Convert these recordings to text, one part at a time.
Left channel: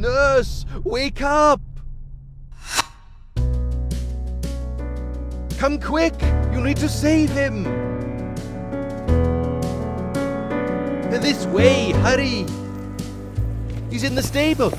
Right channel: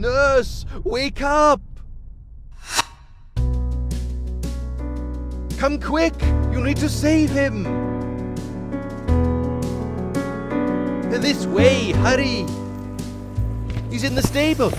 Nurse, wake up! Come quick! You need to save him! This way, hurry! He's in the stable.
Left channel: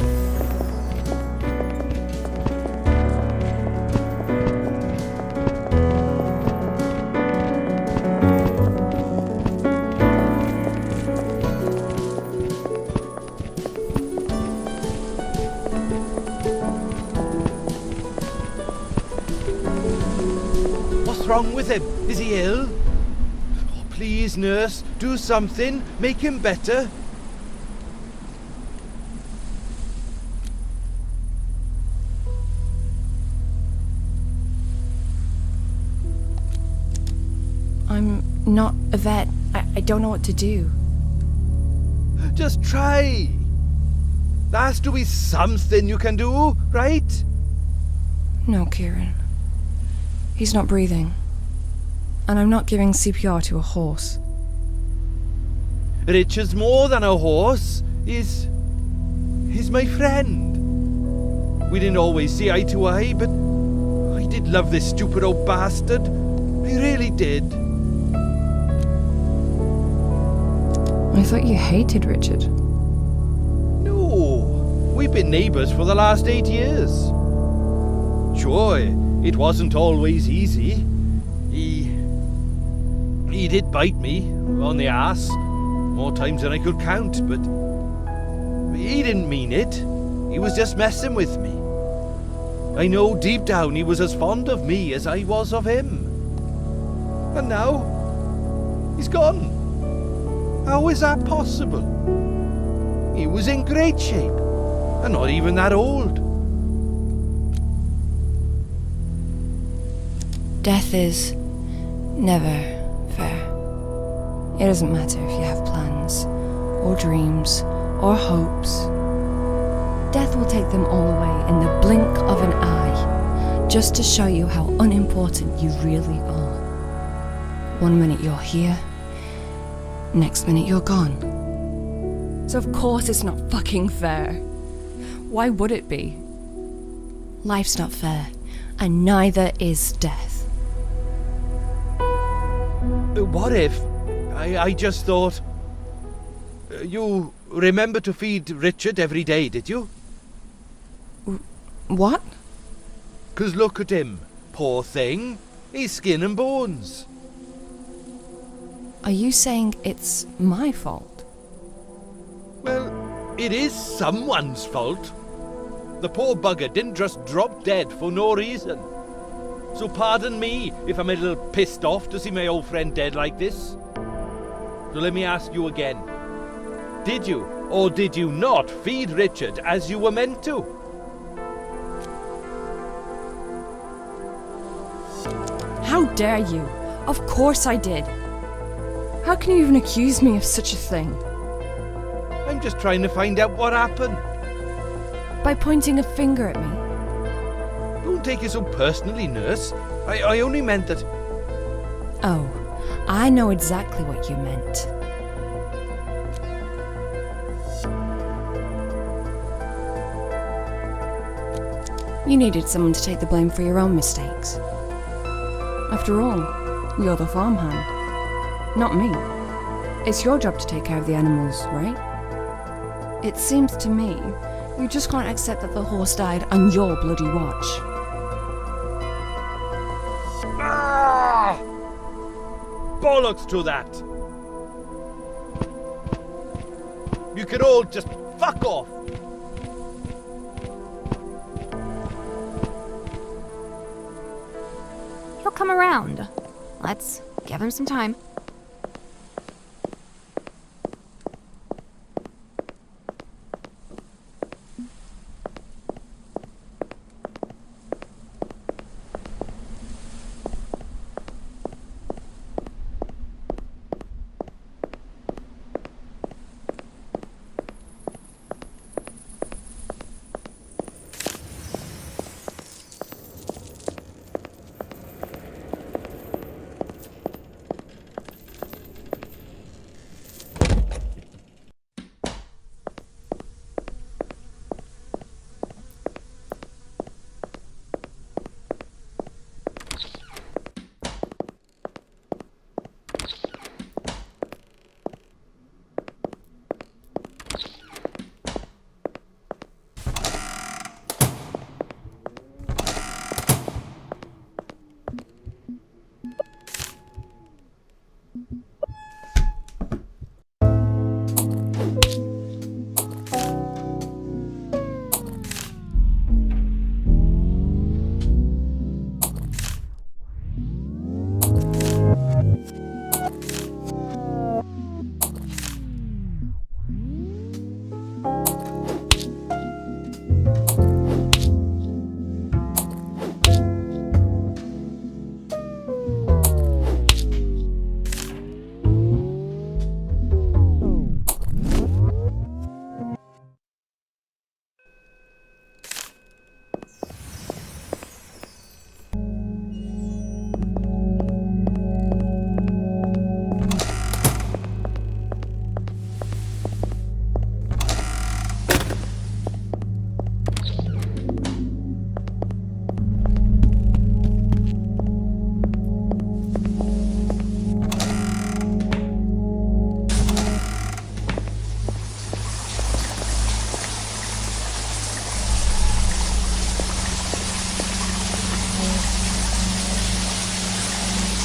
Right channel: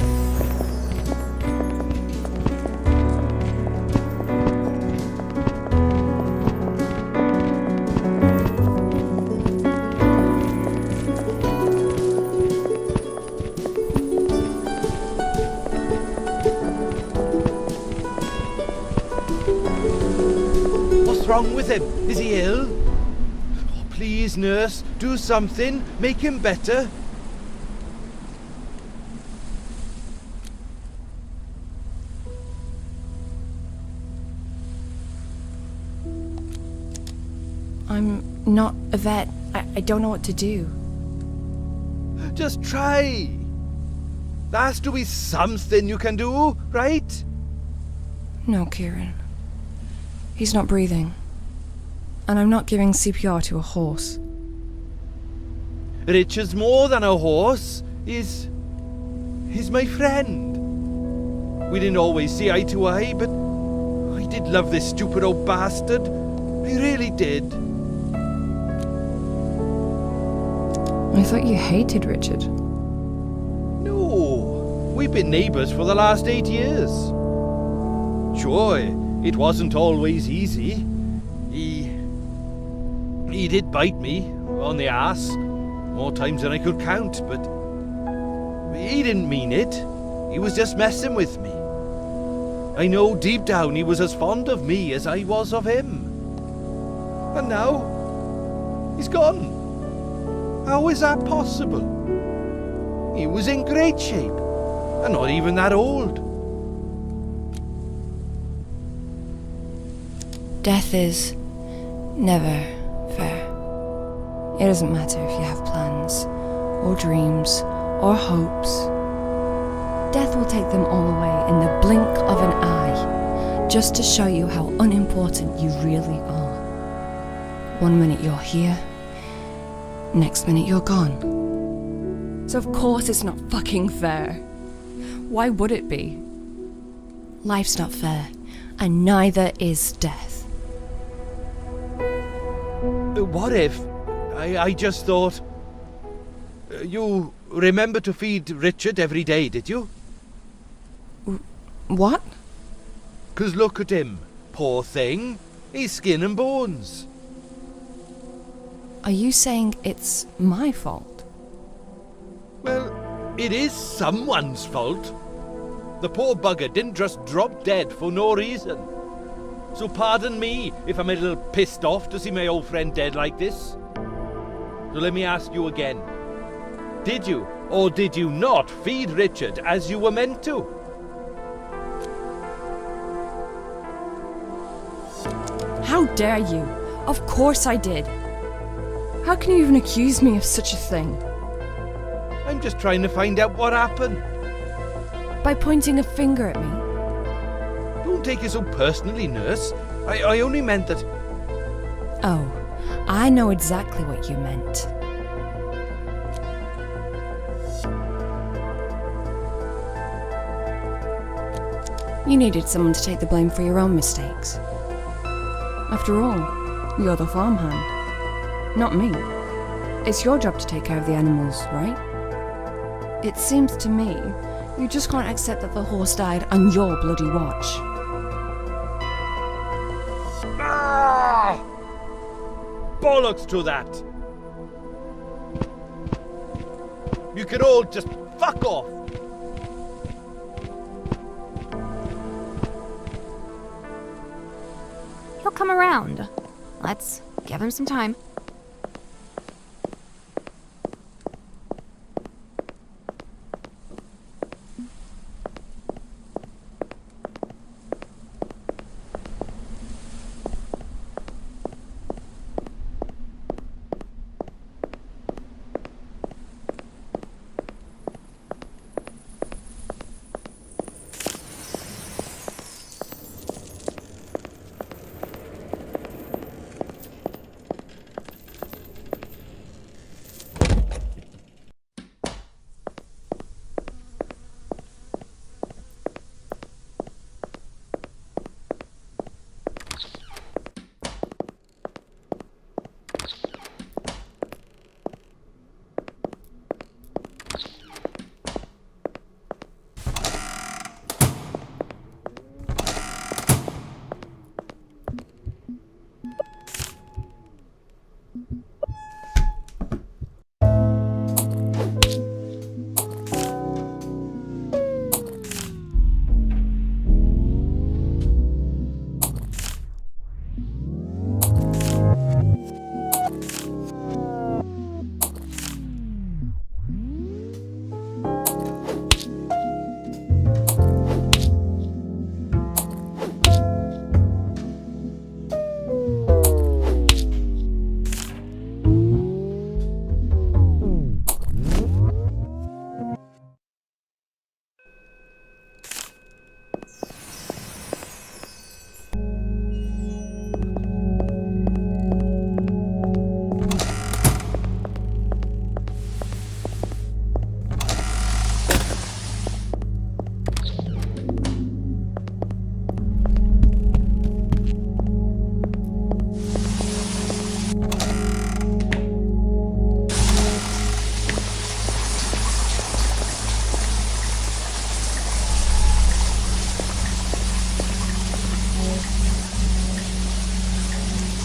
What's wrong with him? Is he ill? Oh, please, nurse, do something. Make him better. I'm not a vet. I don't know what to do. Just try. There has to be something you can do, right? No, Kieran. He's not breathing. And I'm not giving CPR to a horse. Richard's more than a horse. He's my friend. We didn't always see eye to eye, but I did love this stupid old bastard. I really did. I thought you hated Richard. No, we've been neighbours for the last 8 years. Sure, it wasn't always easy. He did bite me on the ass more times than I could count, but he didn't mean it. He was just messing with me. I know deep down he was as fond of me as I was of him. And now, he's gone. How is that possible? He was in great shape, and not even that old. Death is never fair. It doesn't matter if you have plans, or dreams, or hopes. Death will take them all away in the blink of an eye, just to show you how unimportant you really are. One minute you're here, next minute you're gone. So of course it's not fucking fair. Why would it be? Life's not fair, and neither is death. What if? I just thought... You remember to feed Richard every day, did you? What? 'Cause look at him. Poor thing. He's skin and bones. Are you saying it's my fault? Well, it is someone's fault. The poor bugger didn't just drop dead for no reason. So pardon me if I'm a little pissed off to see my old friend dead like this. So let me ask you again. Did you or did you not feed Richard as you were meant to? How dare you? Of course I did. How can you even accuse me of such a thing? I'm just trying to find out what happened. By pointing a finger at me? Don't take it so personally, nurse. I only meant that... Oh, I know exactly what you meant. You needed someone to take the blame for your own mistakes. After all, you're the farmhand, not me. It's your job to take care of the animals, right? It seems to me you just can't accept that the horse died on your bloody watch. Ah! Bollocks to that! You can all just fuck off! He'll come around. Let's give him some time.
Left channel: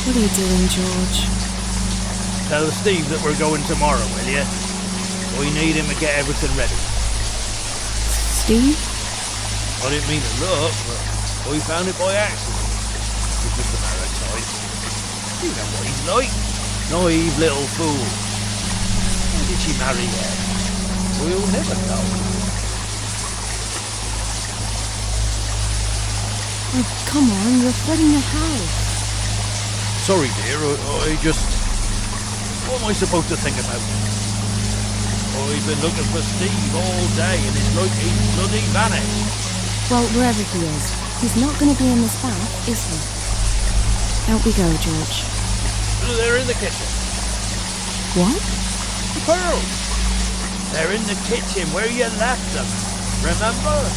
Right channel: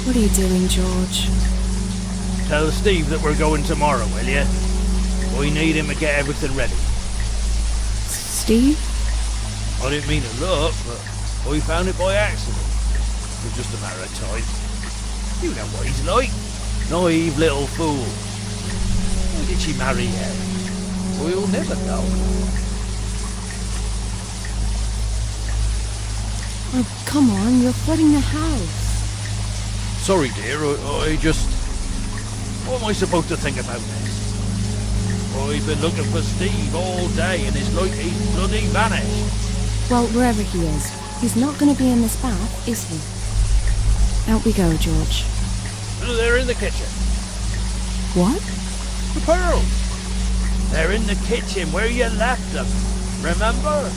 What are you doing, George? Tell Steve that we're going tomorrow, will you? I need him to get everything ready. Steve? I didn't mean to look, but I found it by accident. It was just a matter of time. You know what he's like. Naive little fool. Why did she marry him? We'll never know. Oh, come on, you're flooding the house. Sorry, dear, I just... What am I supposed to think about this? I've been looking for Steve all day and it's like he's bloody vanished. Well, wherever he is, he's not going to be in this bath, is he? Out we go, George. They're in the kitchen. What? The pearls. They're in the kitchen where you left them. Remember?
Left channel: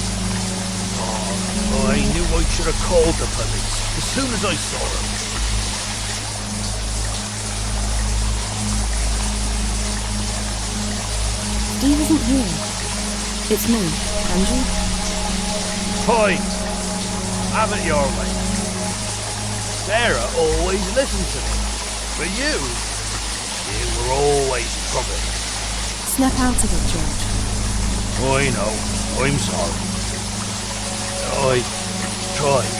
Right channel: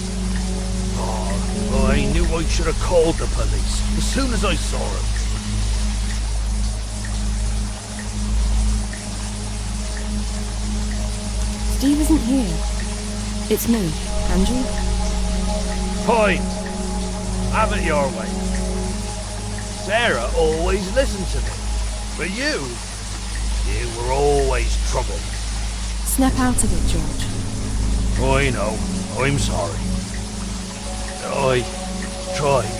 Oh, I knew I should have called the police as soon as I saw them. Steve isn't here. It's me, Andrew. Fine. Have it your way. Sarah always listened to me. But you were always trouble. Snap out of it, George. I know. I'm sorry. I tried.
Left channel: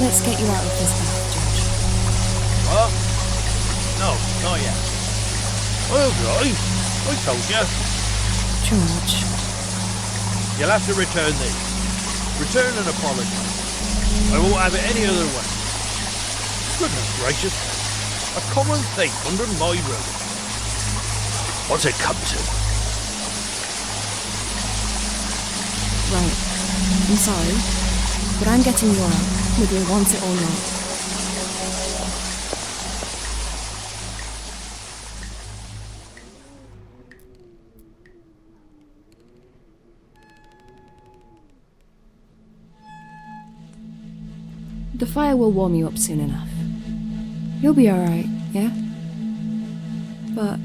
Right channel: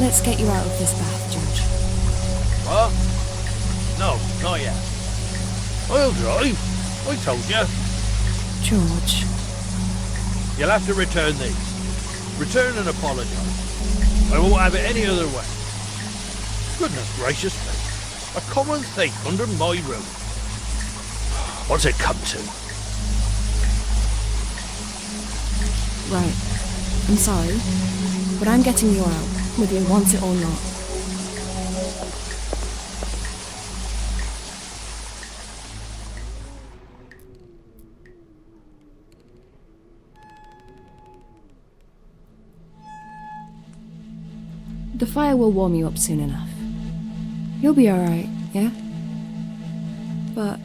Let's get you out of this bath, George. What? No, not yet. I'll drive. I told you. George. You'll have to return these. Return and apologise. I won't have it any other way. Goodness gracious me. A common thief under my roof. What's it come to? Right. I'm sorry, but I'm getting you out, whether you want it or not. The fire will warm you up soon enough. You'll be alright, yeah? But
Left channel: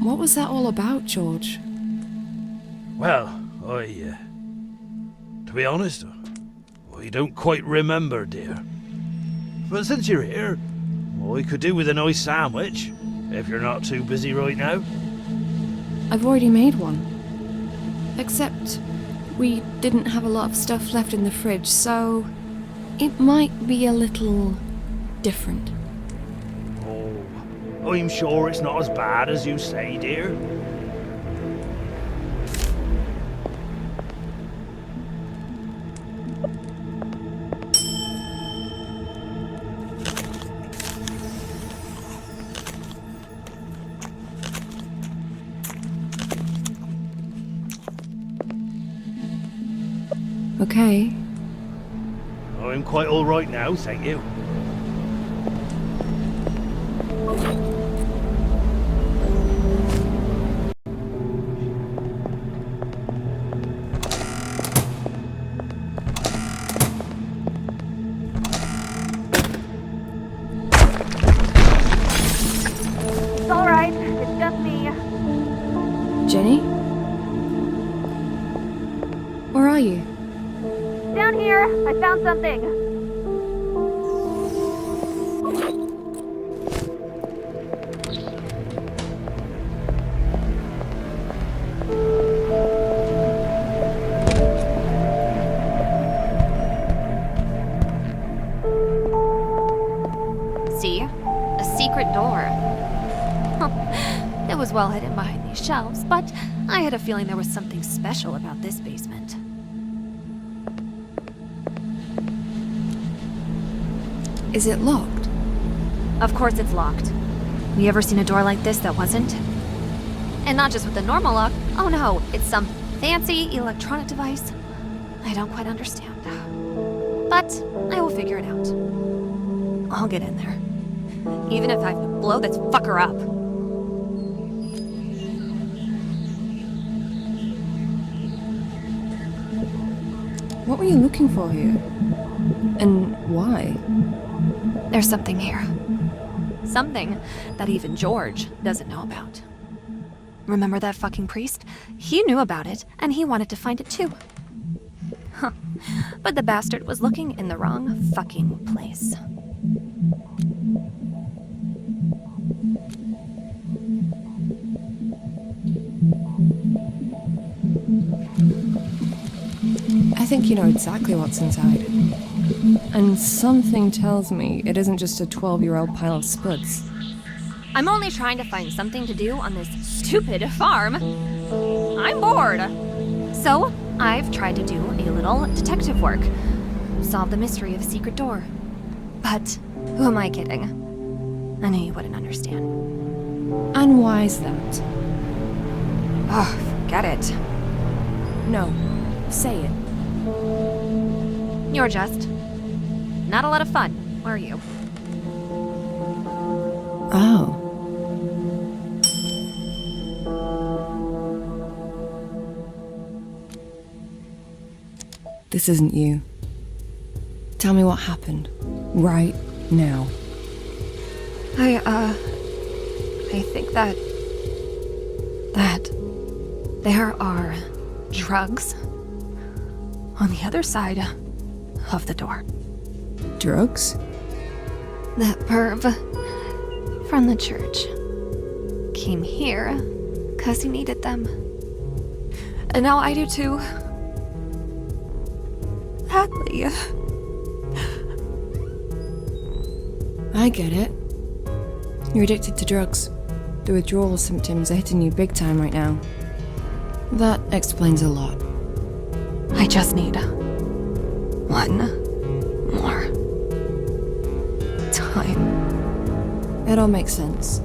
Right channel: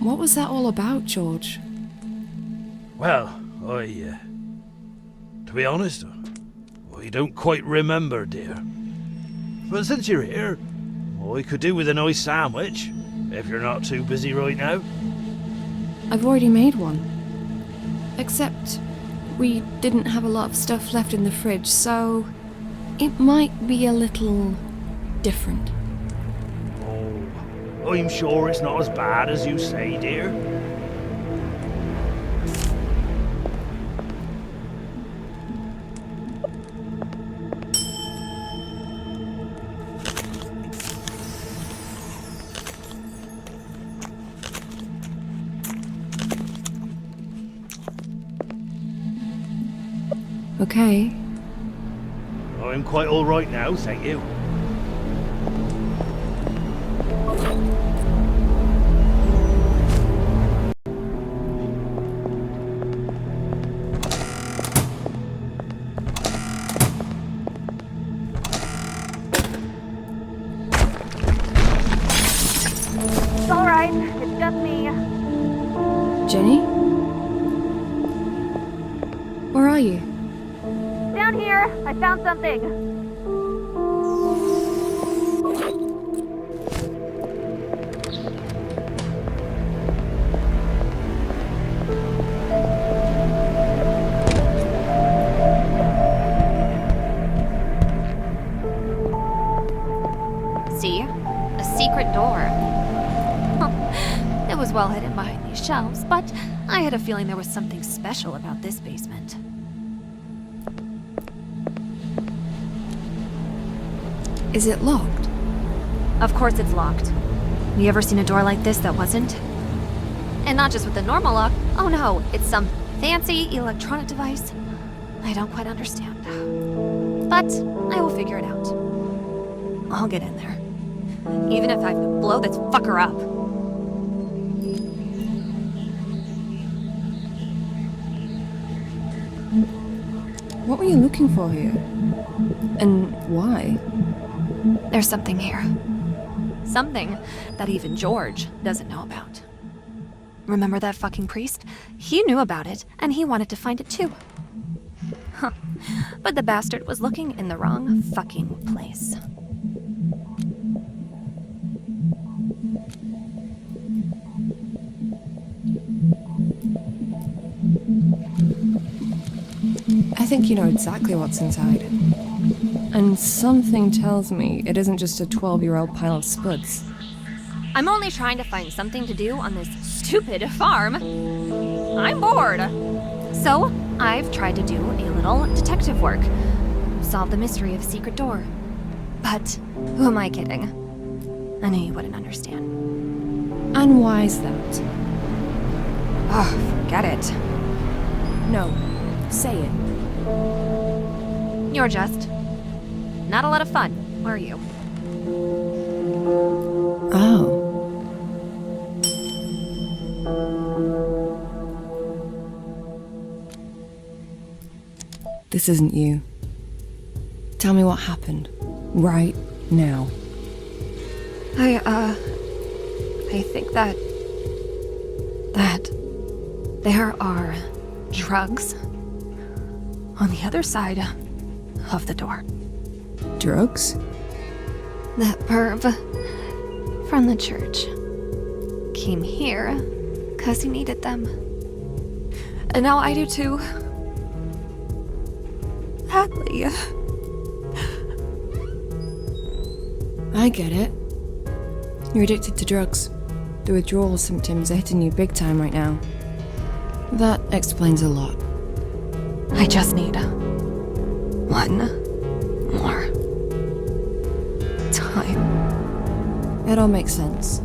what was that all about, George? Well, to be honest, I don't quite remember, dear. But since you're here, I could do with a nice sandwich, if you're not too busy right now. I've already made one. Except we didn't have a lot of stuff left in the fridge, so it might be a little different. Oh, I'm sure it's not as bad as you say, dear. Okay. I'm quite all right now, thank you. It's all right. It's just me. Jenny? Where are you? Down here, I found something. See? A secret door. It was well hidden behind these shelves, but I had a feeling there was something special about this basement. Is it locked? Of course it's locked. You ever seen a door like this that wasn't? And not just with the normal lock. Oh no, it's some fancy electronic device. I don't quite understand. But I will figure it out. I'll get in there. Even if I have to blow this fucker up. What were you looking for here? And why? There's something here. Something that even George doesn't know about. Remember that fucking priest? He knew about it, and he wanted to find it too. Huh. But the bastard was looking in the wrong fucking place. I think you know exactly what's inside. And something tells me it isn't just a 12-year-old pile of spuds. I'm only trying to find something to do on this stupid farm. I'm bored. So, I've tried to do a little detective work. Solve the mystery of a secret door. But who am I kidding? I knew you wouldn't understand. And why's that? Oh, forget it. No, say it. You're just not a lot of fun, are you? Oh. This isn't you. Tell me what happened. Right now. I think that there are drugs on the other side of the door. Drugs? That perv from the church came here 'cause he needed them. And now I do too. Badly. I get it. You're addicted to drugs. The withdrawal symptoms are hitting you big time right now. That explains a lot. I just need one more time. It all makes sense.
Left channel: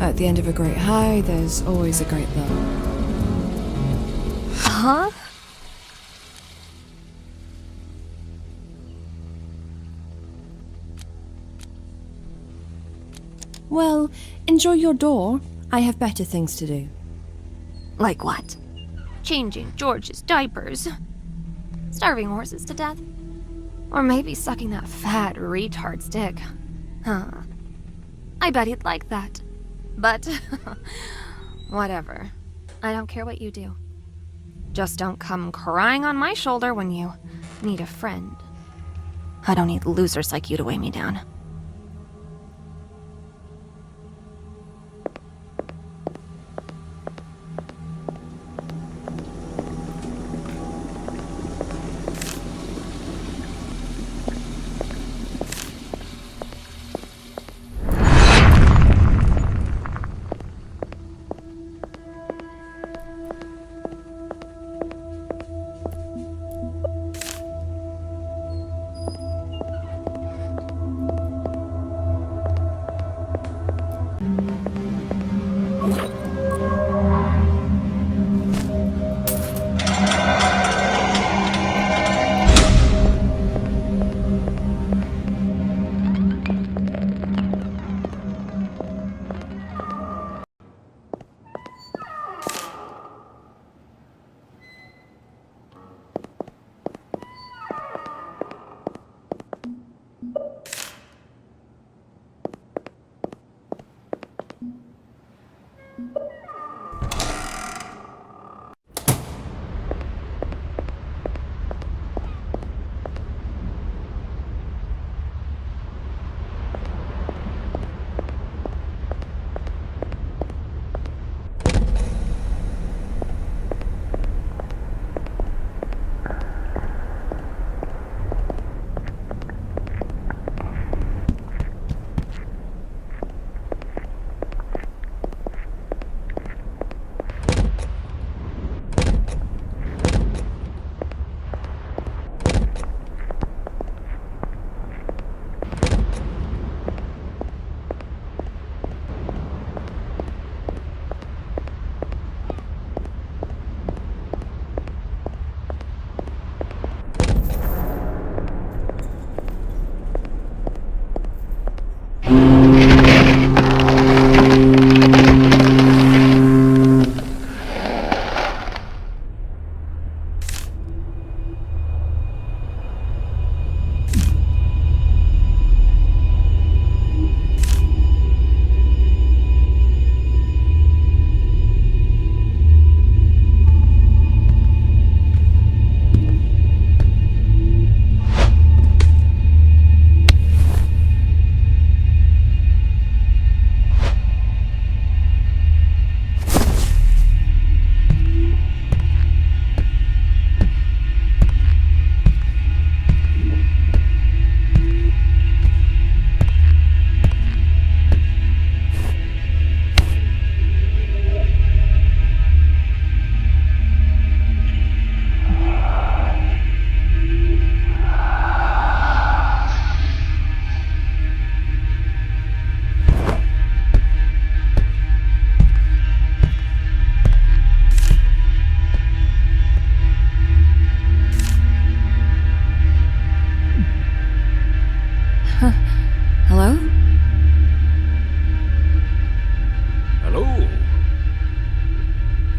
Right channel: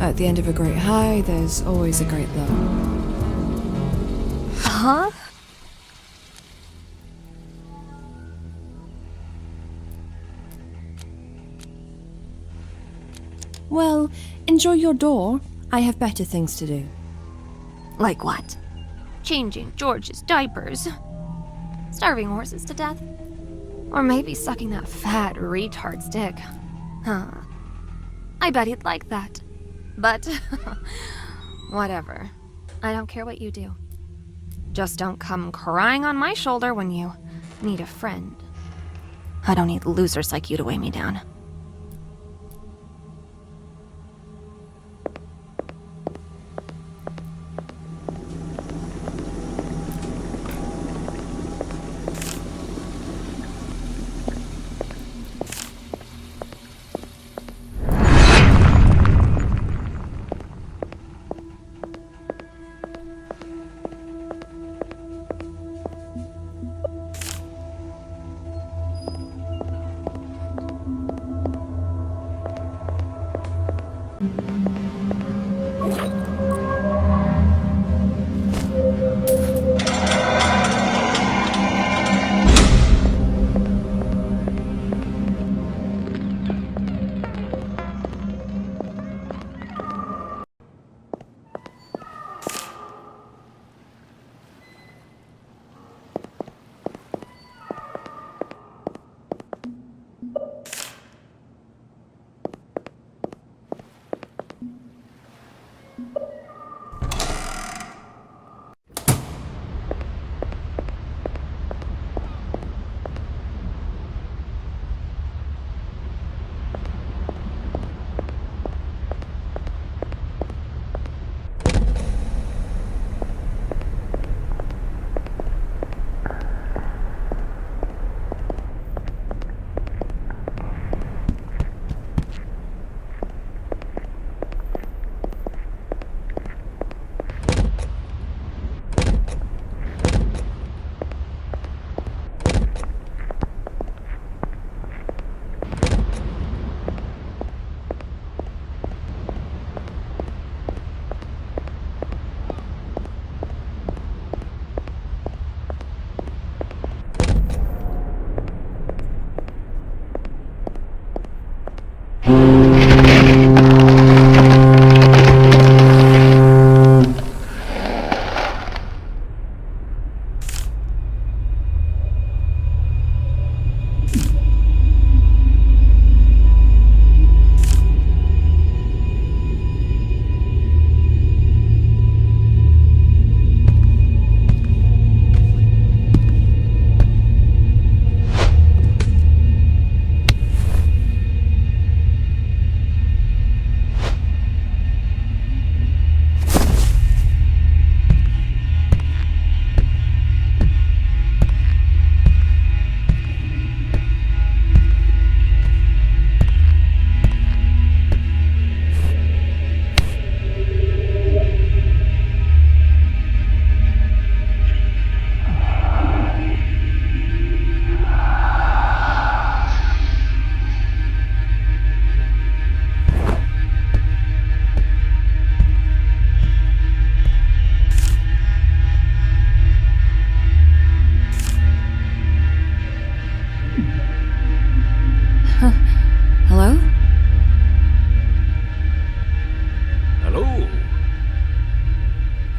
At the end of a great high, there's always a great low. Huh? Well, enjoy your door. I have better things to do. Like what? Changing George's diapers? Starving horses to death? Or maybe sucking that fat retard's dick? Huh. I bet he'd like that. But, whatever. I don't care what you do. Just don't come crying on my shoulder when you need a friend. I don't need losers like you to weigh me down.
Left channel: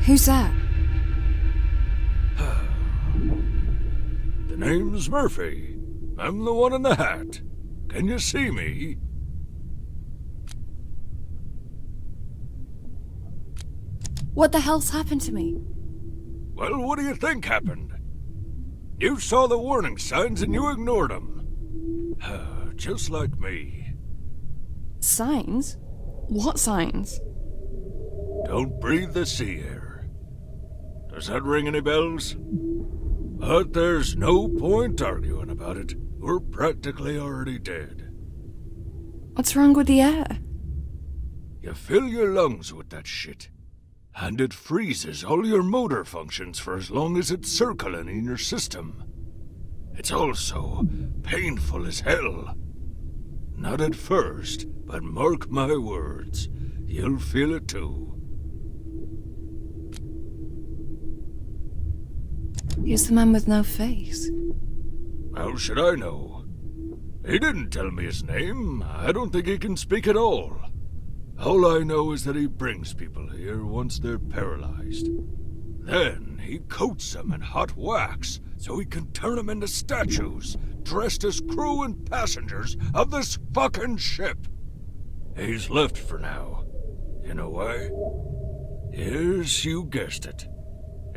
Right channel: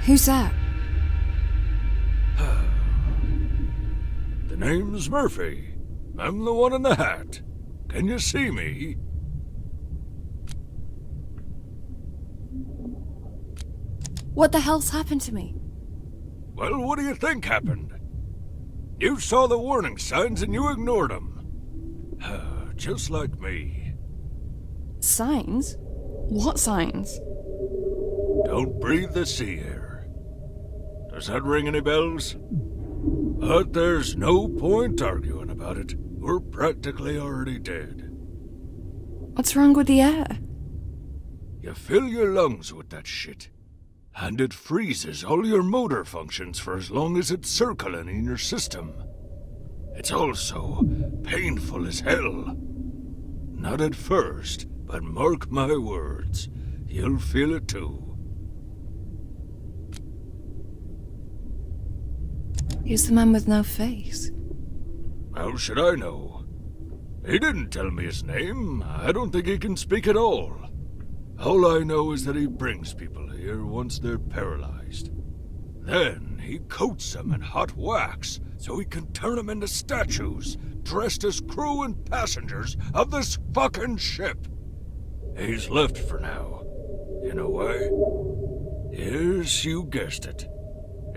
Who's that? The name's Murphy. I'm the one in the hat. Can you see me? What the hell's happened to me? Well, what do you think happened? You saw the warning signs and you ignored them. Just like me. Signs? What signs? Don't breathe the sea air. Does that ring any bells? But there's no point arguing about it. We're practically already dead. What's wrong with the air? You fill your lungs with that shit, and it freezes all your motor functions for as long as it's circling in your system. It's also painful as hell. Not at first, but mark my words, you'll feel it too. He's the man with no face. How should I know? He didn't tell me his name. I don't think he can speak at all. All I know is that he brings people here once they're paralyzed. Then he coats them in hot wax so he can turn them into statues, dressed as crew and passengers of this fucking ship. He's left for now. You know why? Yes, you guessed it.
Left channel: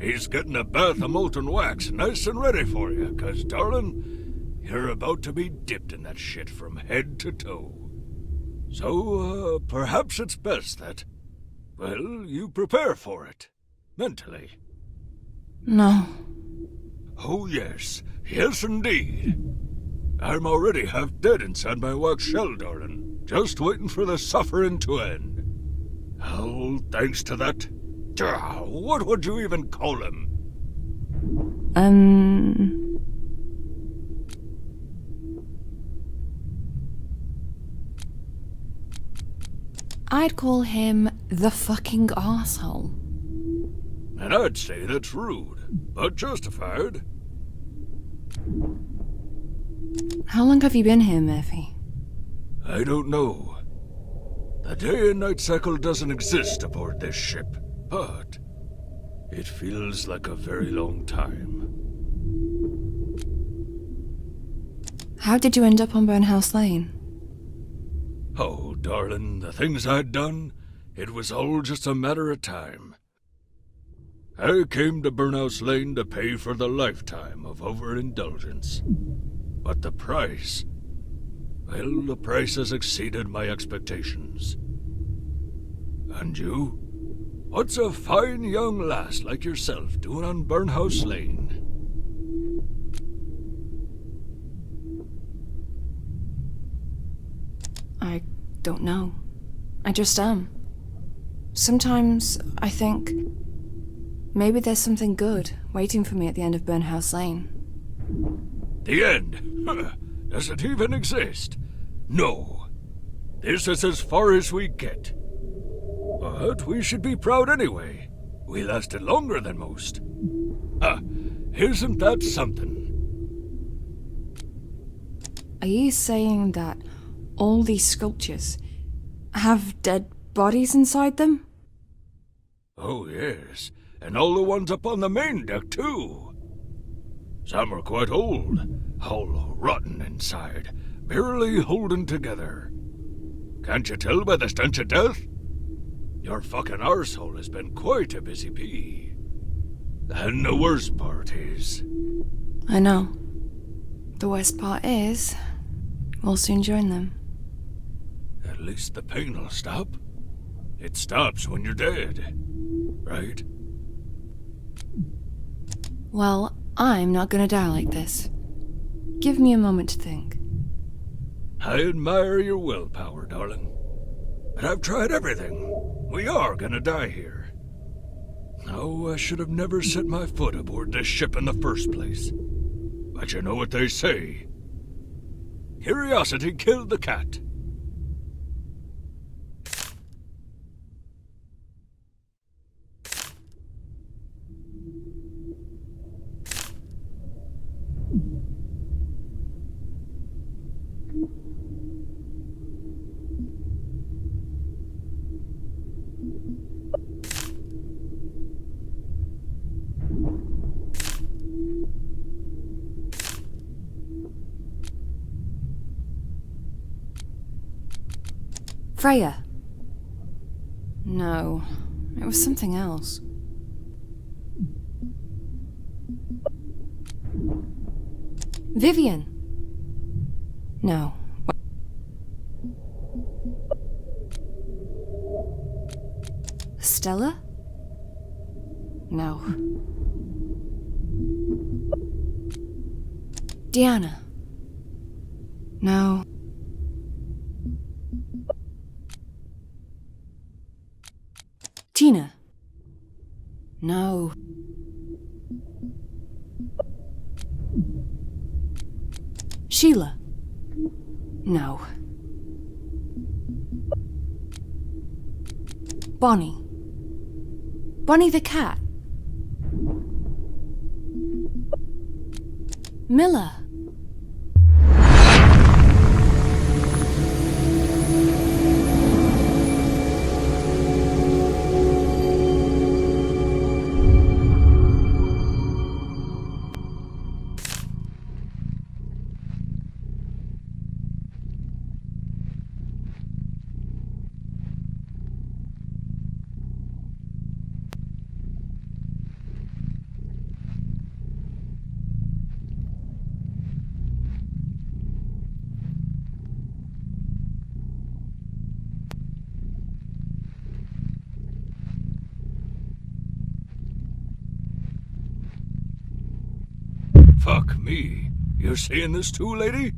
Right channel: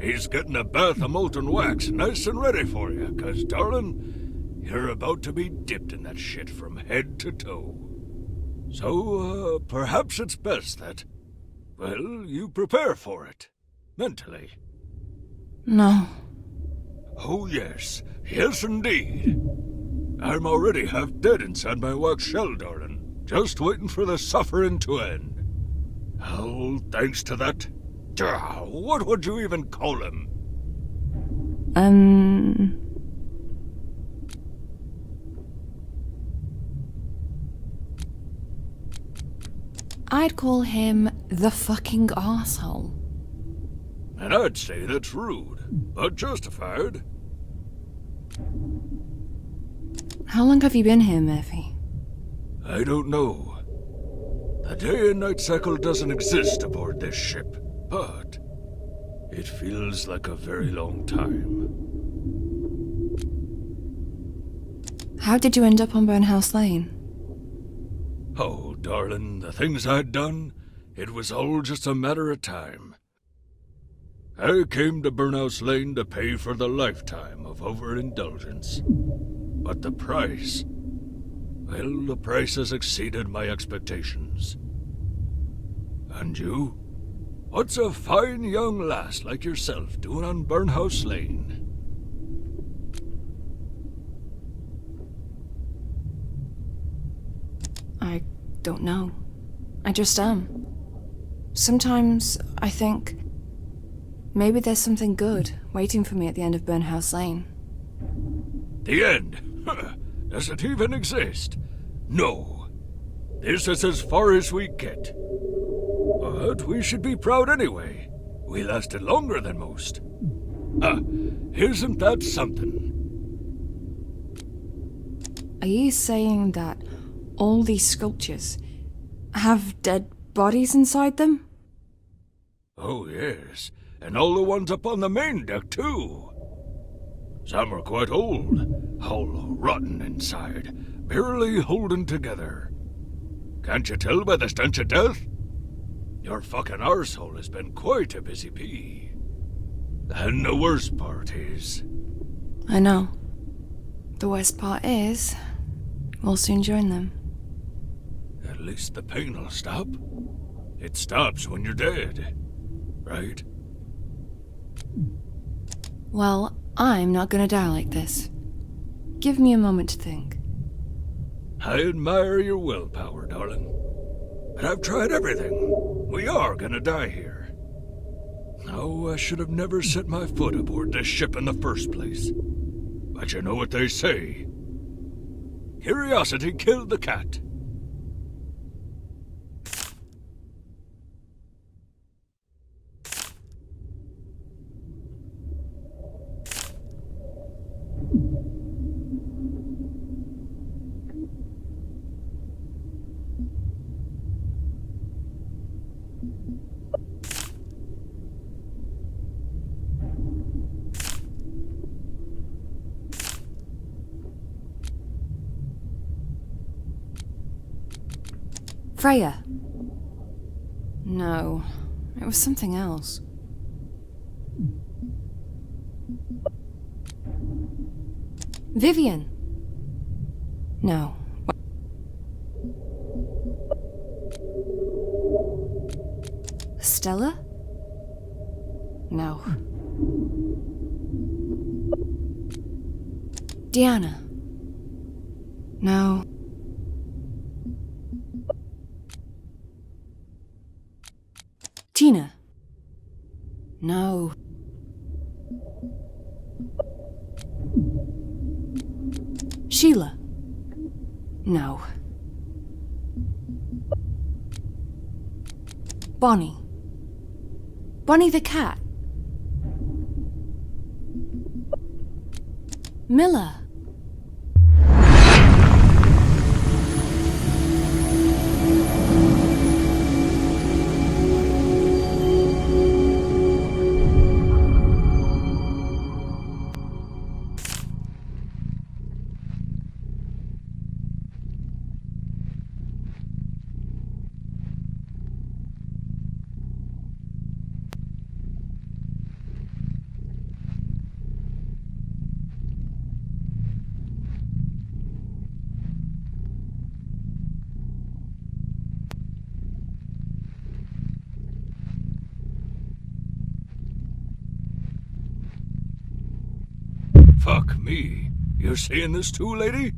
He's getting a bath of molten wax nice and ready for you, 'cause, darling, you're about to be dipped in that shit from head to toe. So, perhaps it's best that, well, you prepare for it. Mentally. No. Oh, yes. Yes, indeed. I'm already half dead inside my wax shell, darling. Just waiting for the suffering to end. Oh, thanks to that... what would you even call him? I'd call him the fucking arsehole. And I'd say that's rude, but justified. How long have you been here, Murphy? I don't know. The day and night cycle doesn't exist aboard this ship, but it feels like a very long time. How did you end up on Burnhouse Lane? Oh, darling, the things I'd done, it was all just a matter of time. I came to Burnhouse Lane to pay for the lifetime of overindulgence. But the price... well, the price has exceeded my expectations. And you? What's a fine young lass like yourself doing on Burnhouse Lane? I don't know. I just am. Sometimes I think maybe there's something good waiting for me at the end of Burnhouse Lane. The end? Does it even exist? No. This is as far as we get. But we should be proud anyway. We lasted longer than most. Isn't that something? Are you saying that all these sculptures have dead bodies inside them? Oh, yes. And all the ones up on the main deck, too. Some are quite old, all rotten inside, barely holding together. Can't you tell by the stench of death? Your fucking arsehole has been quite a busy bee. And the worst part is... I know. The worst part is, we'll soon join them. At least the pain will stop. It stops when you're dead, right? Well, I'm not gonna die like this. Give me a moment to think. I admire your willpower, darling. But I've tried everything. We are gonna die here. Oh, I should have never set my foot aboard this ship in the first place. But you know what they say. Curiosity killed the cat. Freya. No, it was something else. Vivian. No. Stella? No. Diana? No. Tina? No. Sheila? No. Bonnie? Bonnie the cat? Miller? Fuck me. You're seeing this too, lady?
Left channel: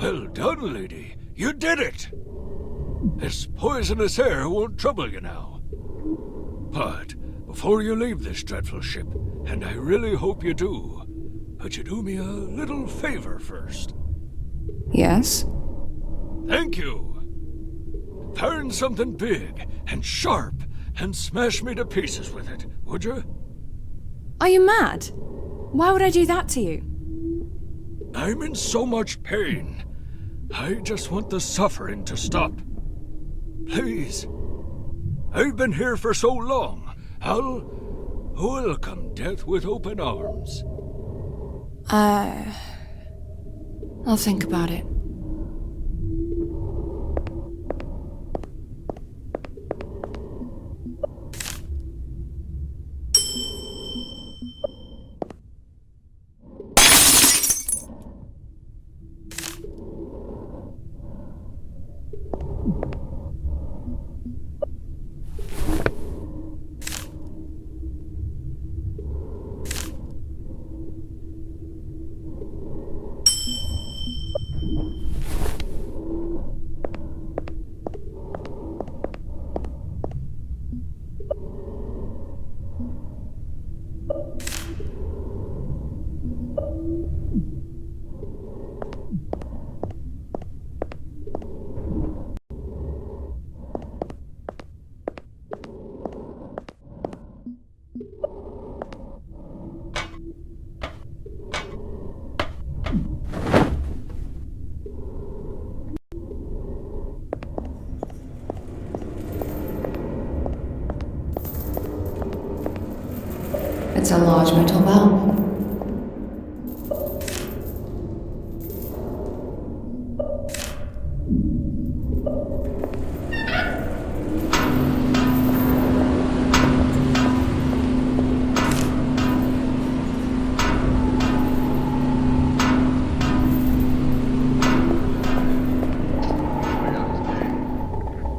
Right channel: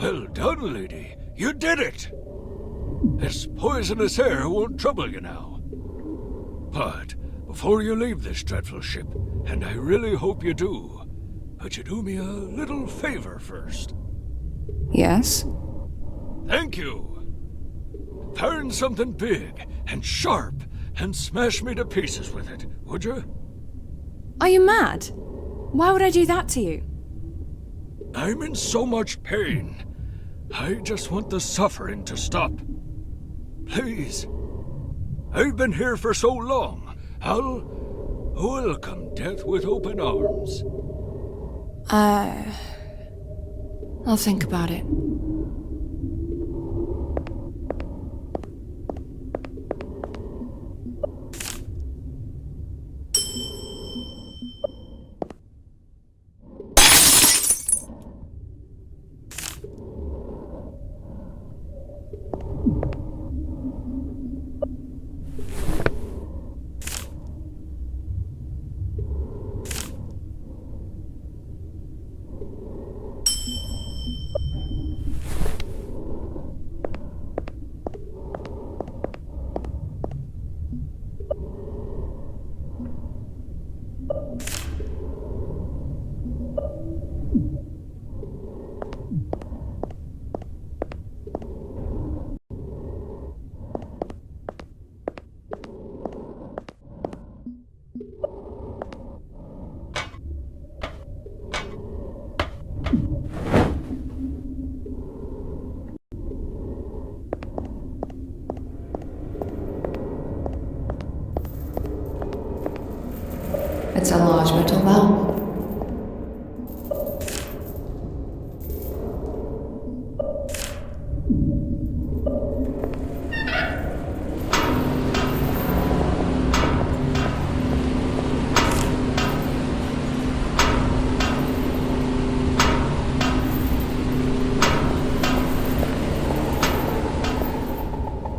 Well done, lady. You did it! This poisonous air won't trouble you now. But before you leave this dreadful ship, and I really hope you do, could you do me a little favor first? Yes? Thank you. Find something big and sharp and smash me to pieces with it, would you? Are you mad? Why would I do that to you? I'm in so much pain. I just want the suffering to stop. Please. I've been here for so long. I'll welcome death with open arms. I'll think about it. It's a large metal valve.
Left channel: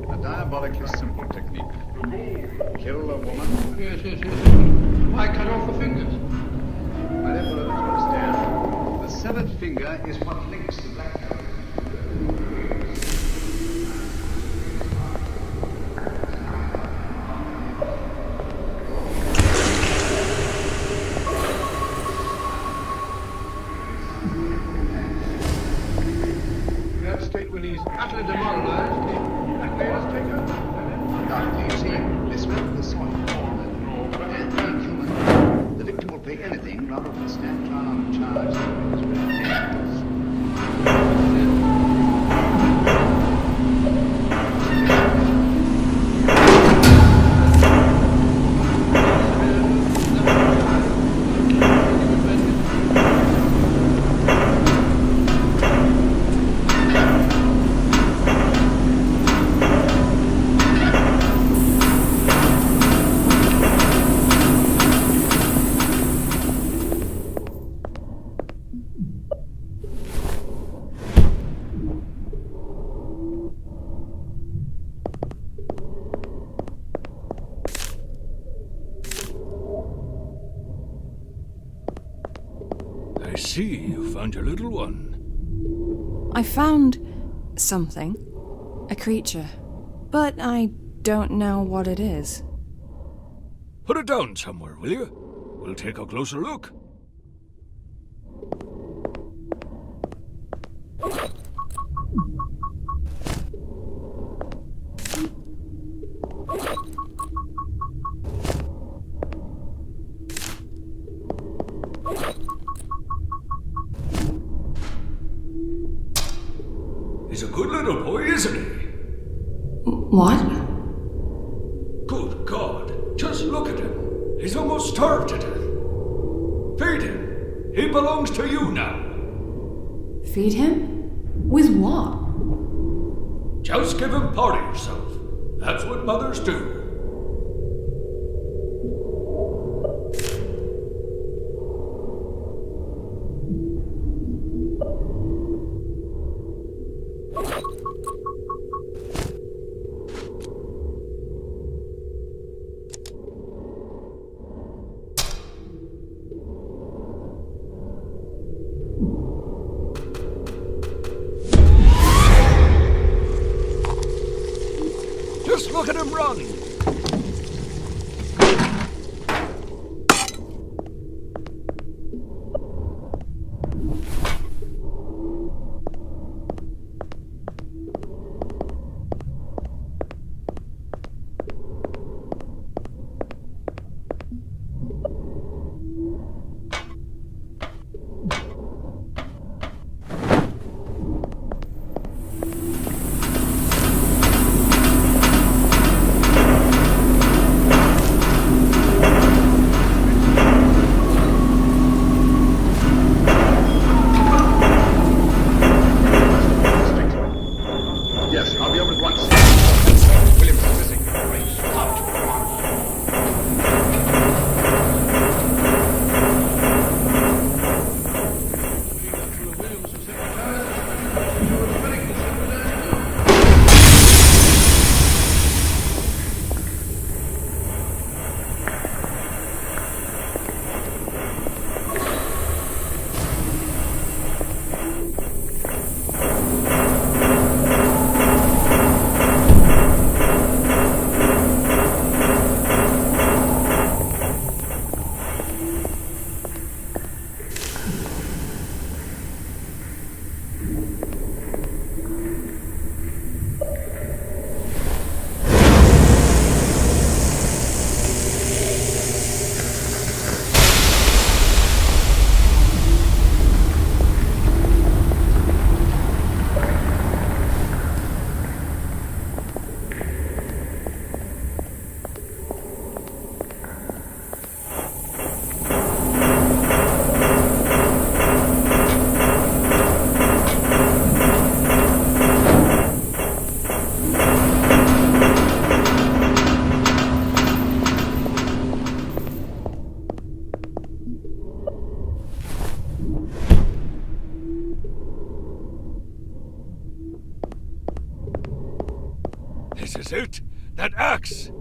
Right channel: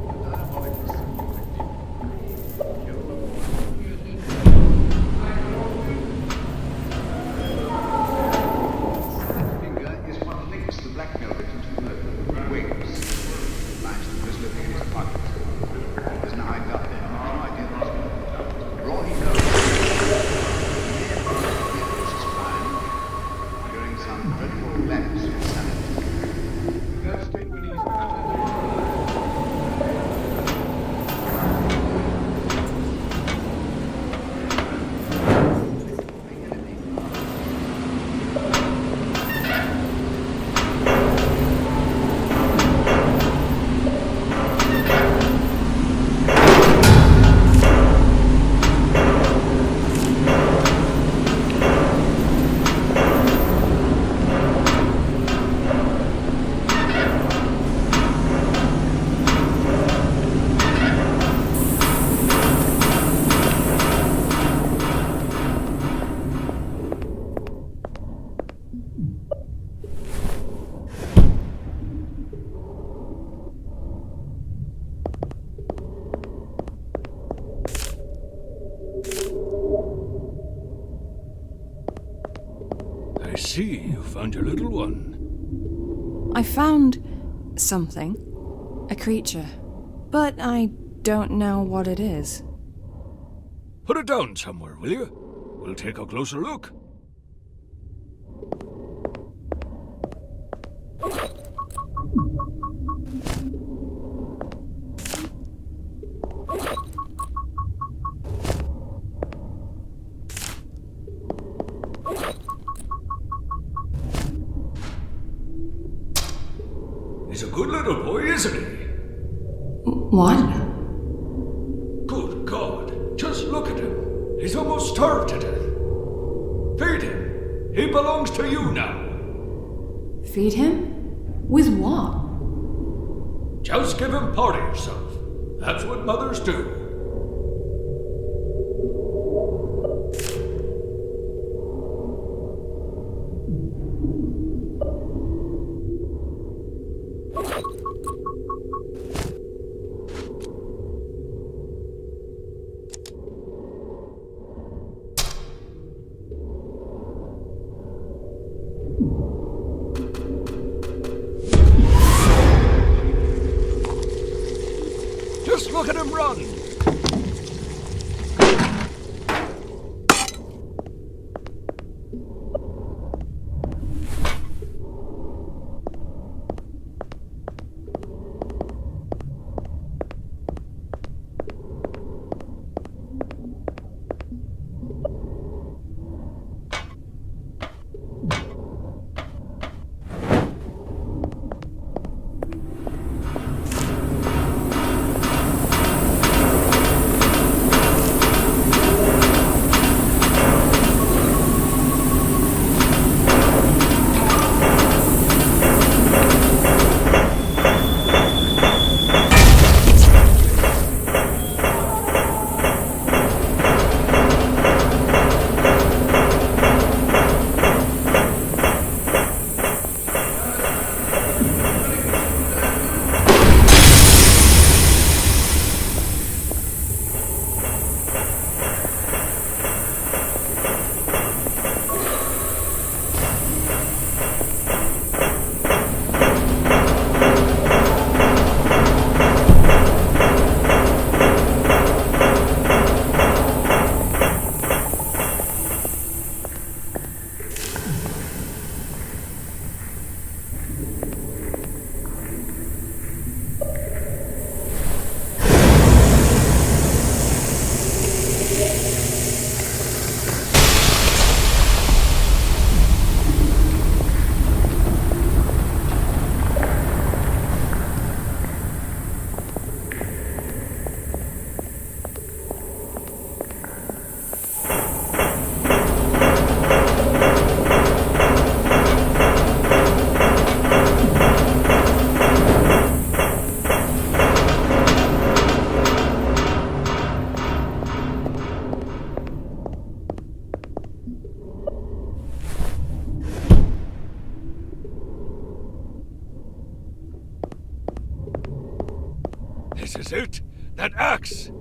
A diabolically simple technique. Kill a woman. Yes, yes, yes. I cut off the fingers. Wherever I understand, the severed finger is what links the black velvet to the wings. Finds the prisoner in his pocket. There's no hide down there. I did not. Ronnie goes. Hearing some dreadful lapse in sanity. That state when he's utterly demoralized. The victim will pay anything rather than stand trial. I see you found your little one. I found something. A creature. But I don't know what it is. Put it down somewhere, will you? We'll take a closer look. He's a good little boy, isn't he? What? Good God, just look at him. He's almost starved to death. Feed him. He belongs to you now. Feed him? With what? Just give him part of yourself. That's what mothers do. Just look at him run! This is it! That axe!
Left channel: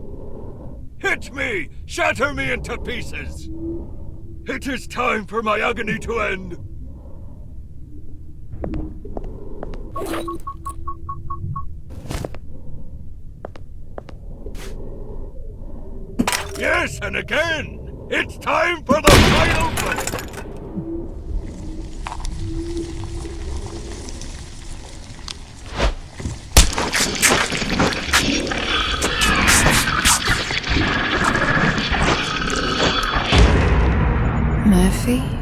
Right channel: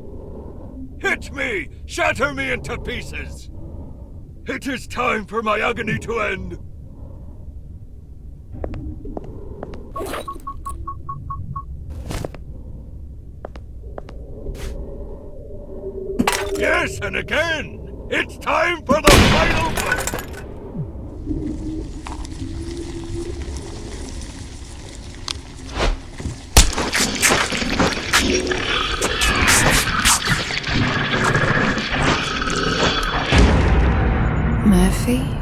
Hit me! Shatter me into pieces! It is time for my agony to end! Yes, and again! It's time for the final blow! Murphy?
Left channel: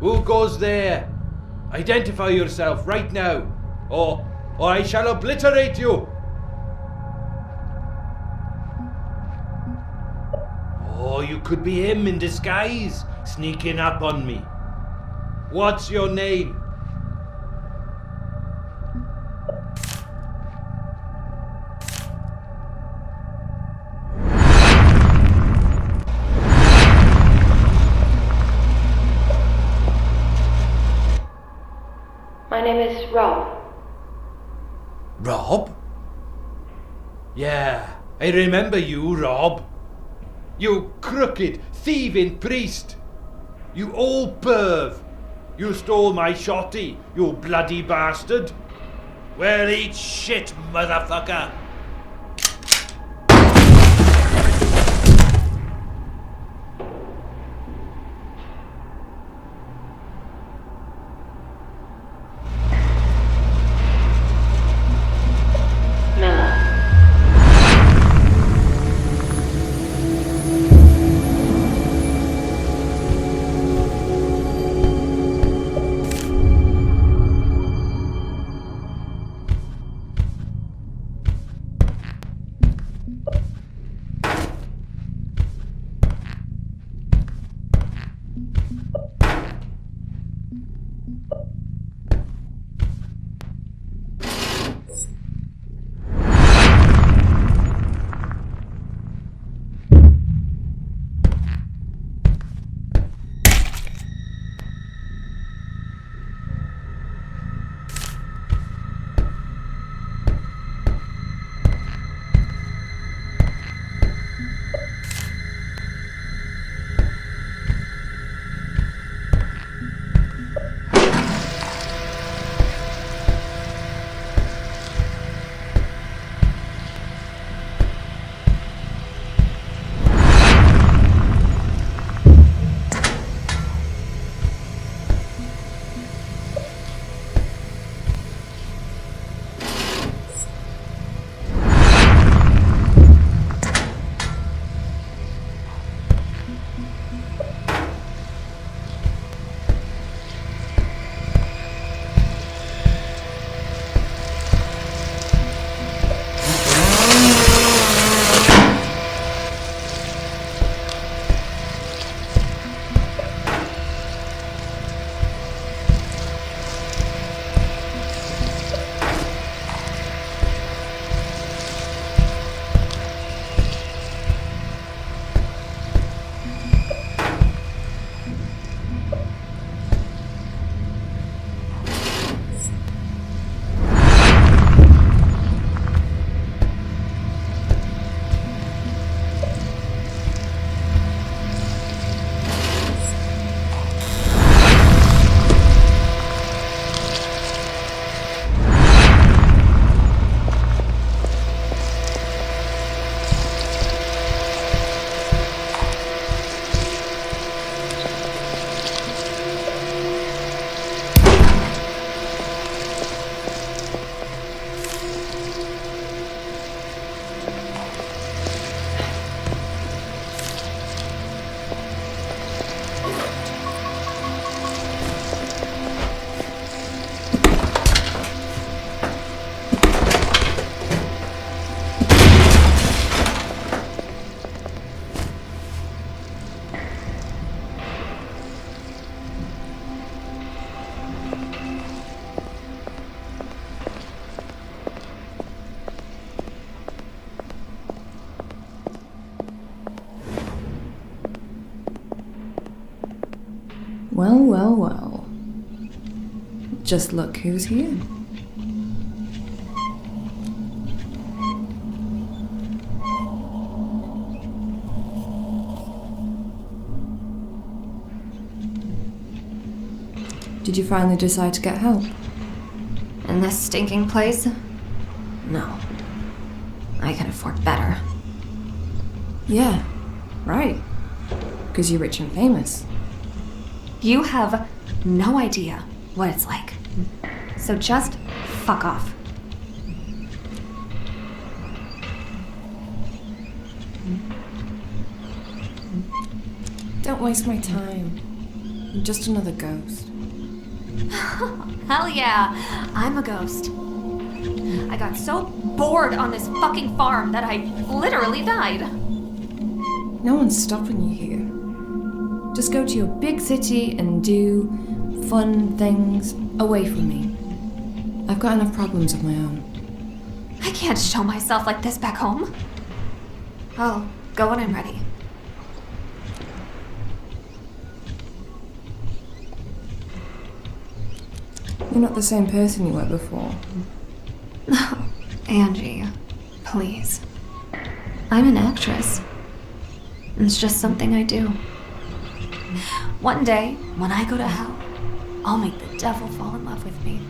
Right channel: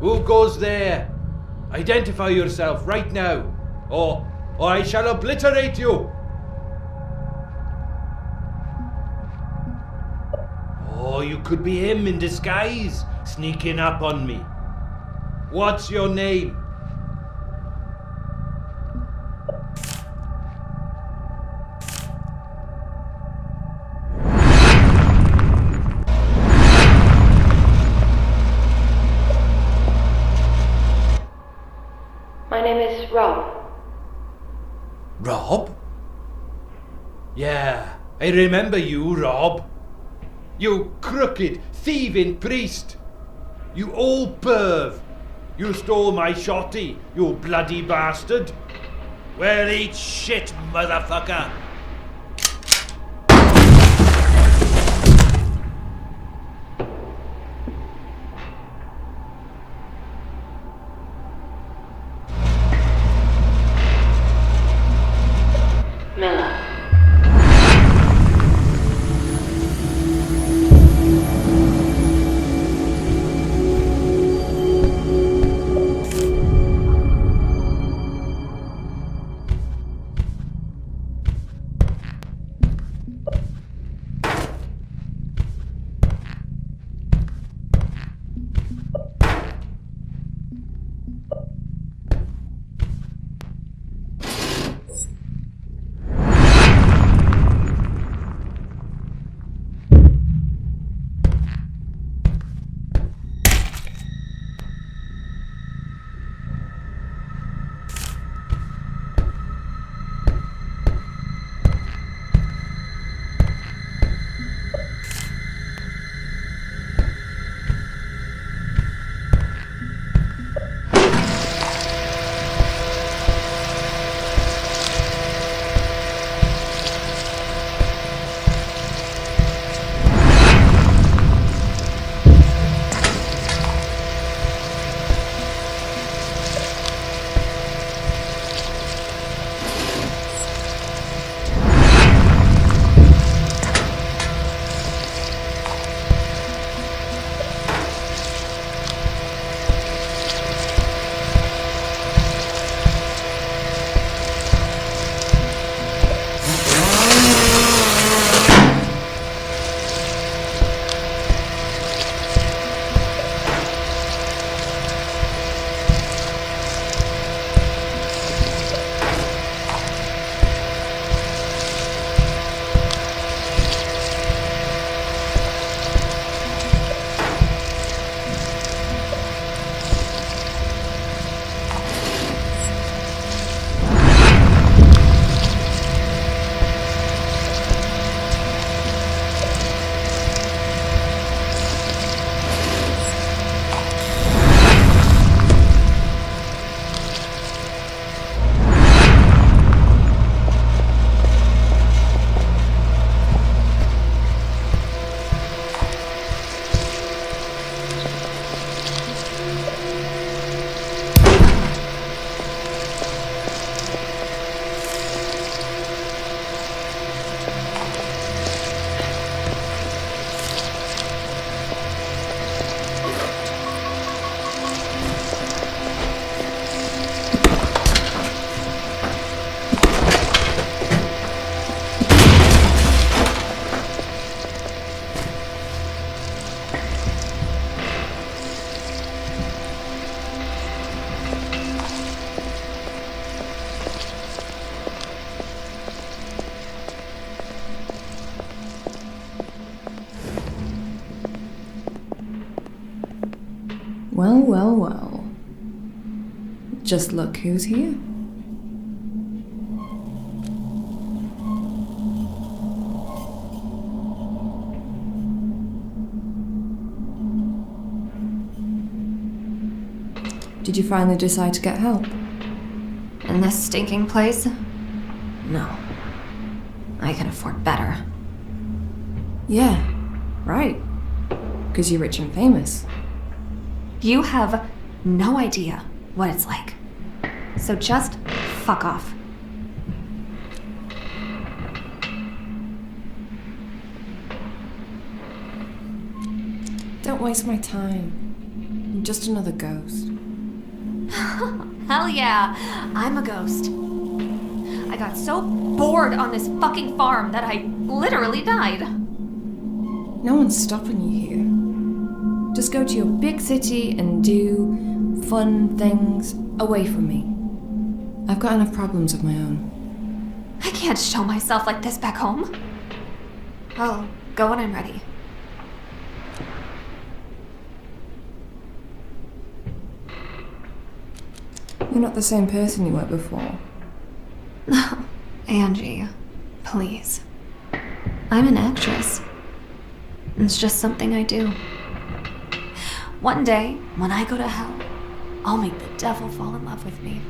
Who goes there? Identify yourself right now, or I shall obliterate you! Oh, you could be him in disguise, sneaking up on me. What's your name? My name is Rob. Rob? Yeah, I remember you, Rob. You crooked, thieving priest. You old perv. You stole my shotty, you bloody bastard. Well, eat shit, motherfucker. Well, well, well. Just look who's here. Did you finally decide to get help? In this stinking place? No. I can afford better. Yeah, right. Because you're rich and famous. You have no idea what it's like. So just fuck off. Don't waste my time. I'm just another ghost. Hell yeah, I'm a ghost. I got so bored on this fucking farm that I literally died. No one's stopping you here. Just go to your big city and do fun things away from me. I've got enough problems of my own. I can't show myself like this back home. I'll go when I'm ready. You're not the same person you were before. Angie, please. I'm an actress. It's just something I do. One day, when I go to hell, I'll make the devil fall in love with me.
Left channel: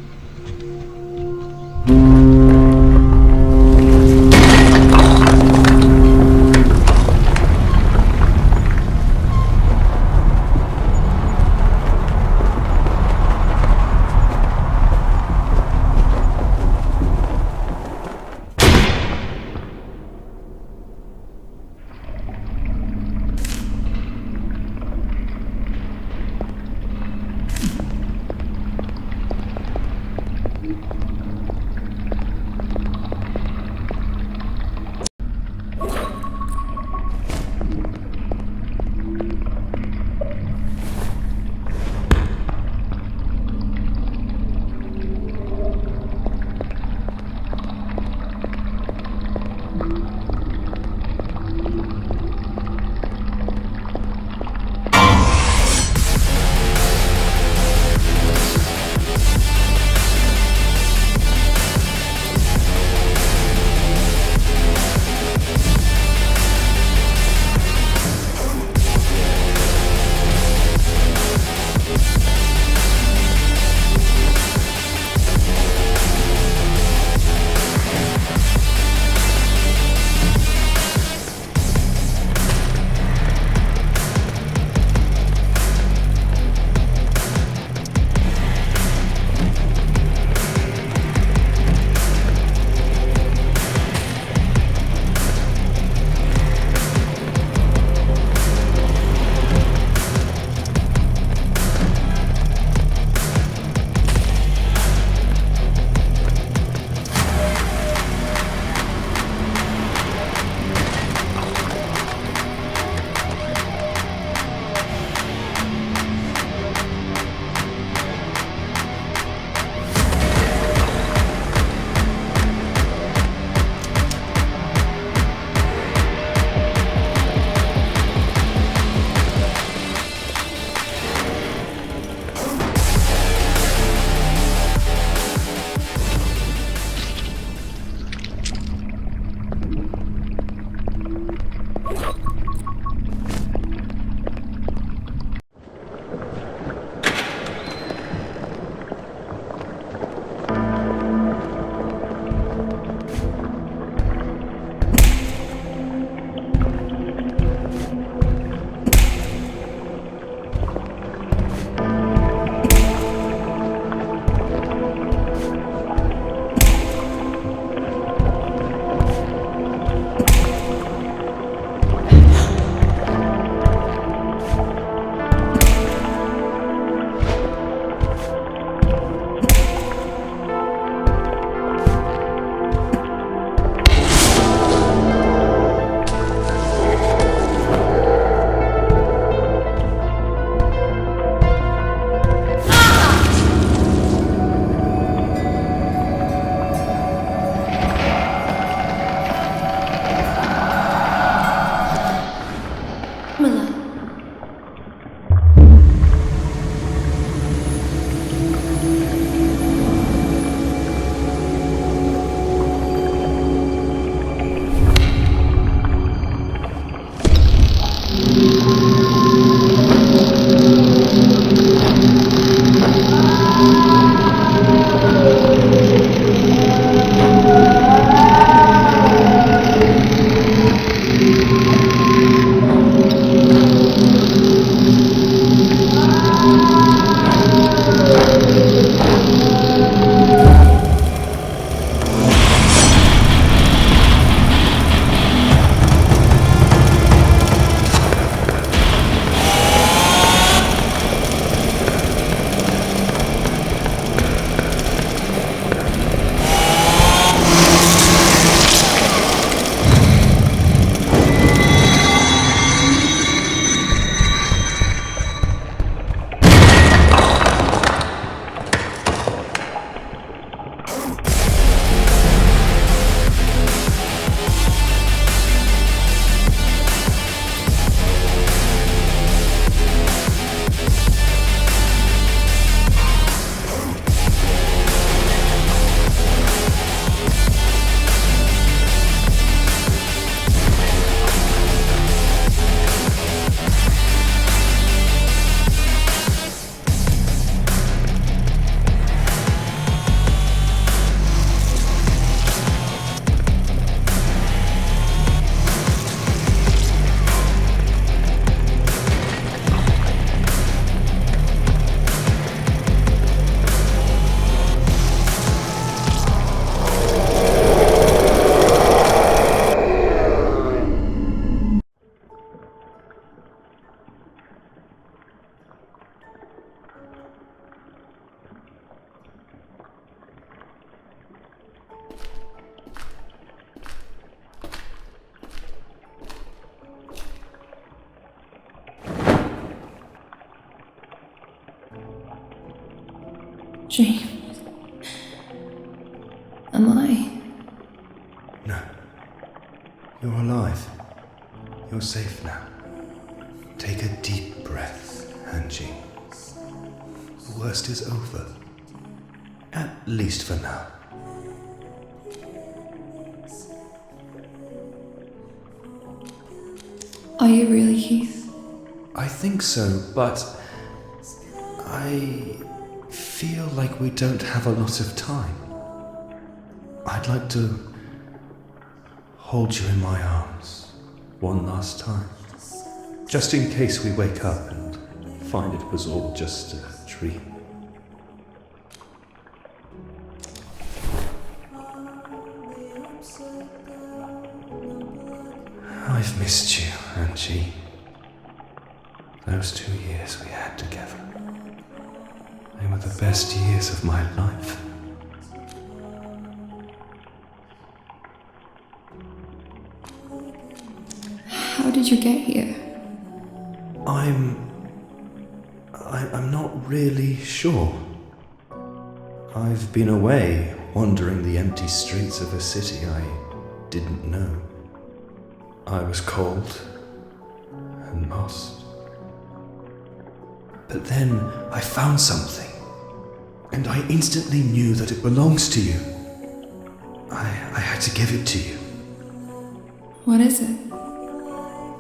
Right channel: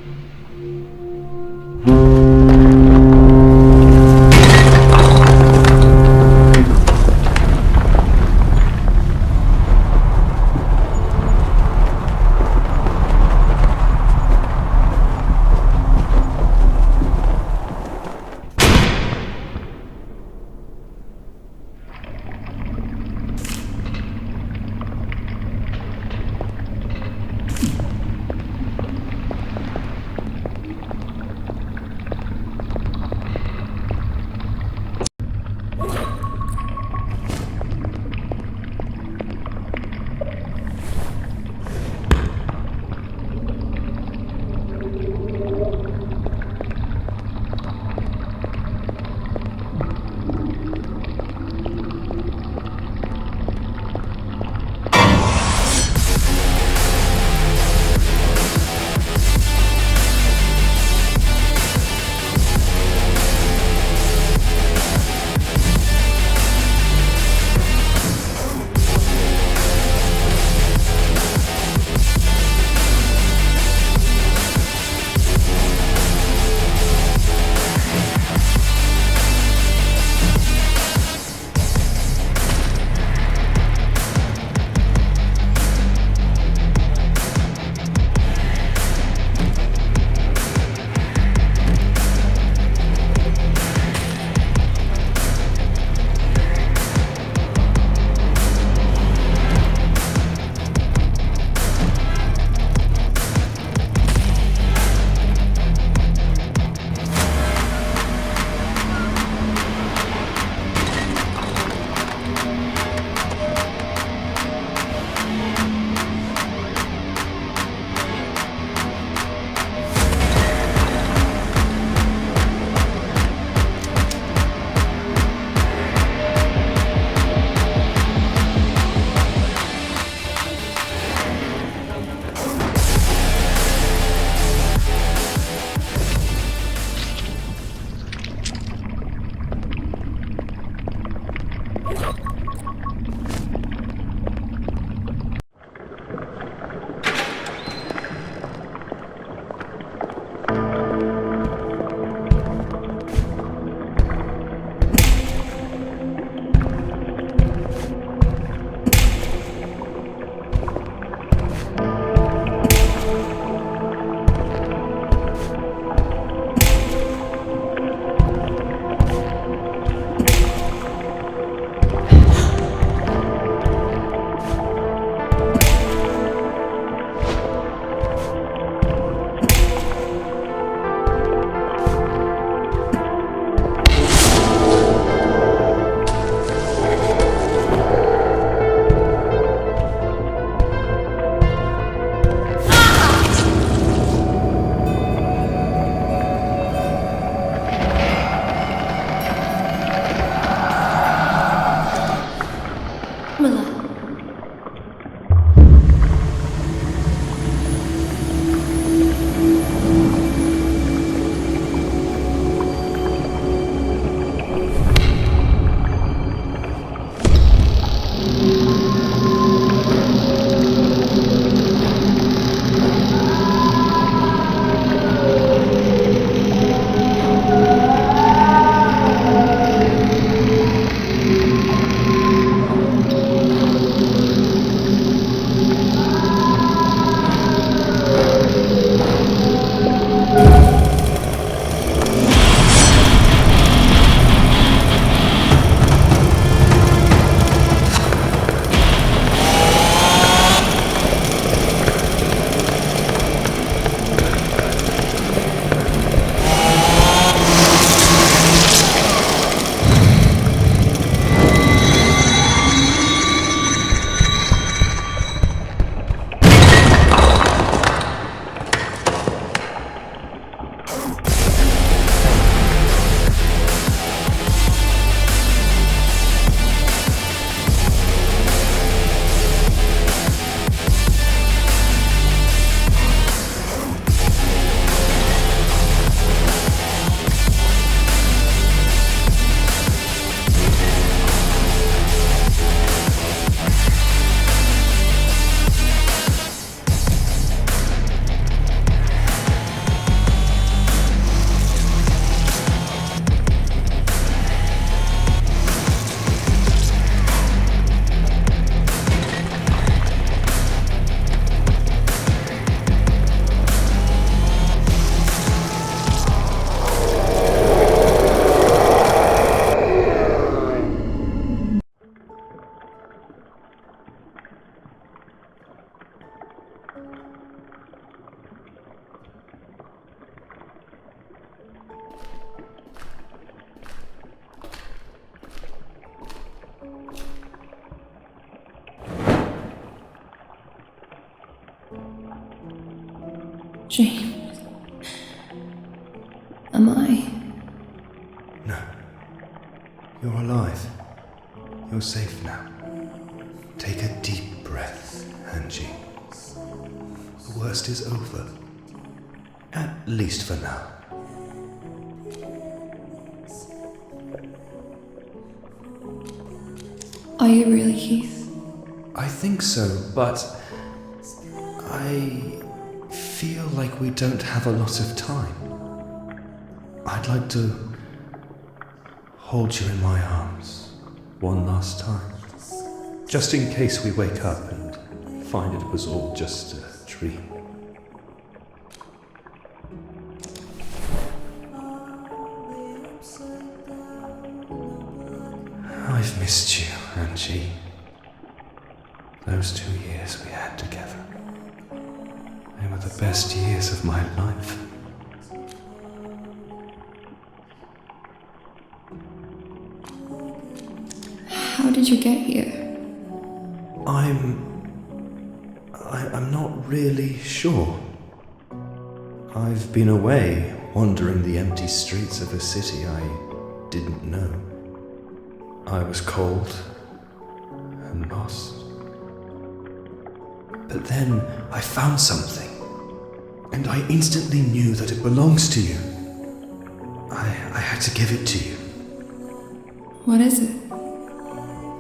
James. Am I? No. You're alive. You're safe now. Take a deep breath, Angie. The worst is over. At least for now. Are you really Keith? I think so, but I feel like we don't have a lot of time. I'd like to hold you in my arms one last time, just in case we wake up and find it was all just a dream. I've missed you, Angie. Those 2 years we had together. They were the best years of my life. How did you get here? I'm not really sure. I've been away, wandering the empty streets of a city I didn't know. I was cold and lost. But then I found something, and I instantly knew that it belongs to you. I had to give it to you. What is it?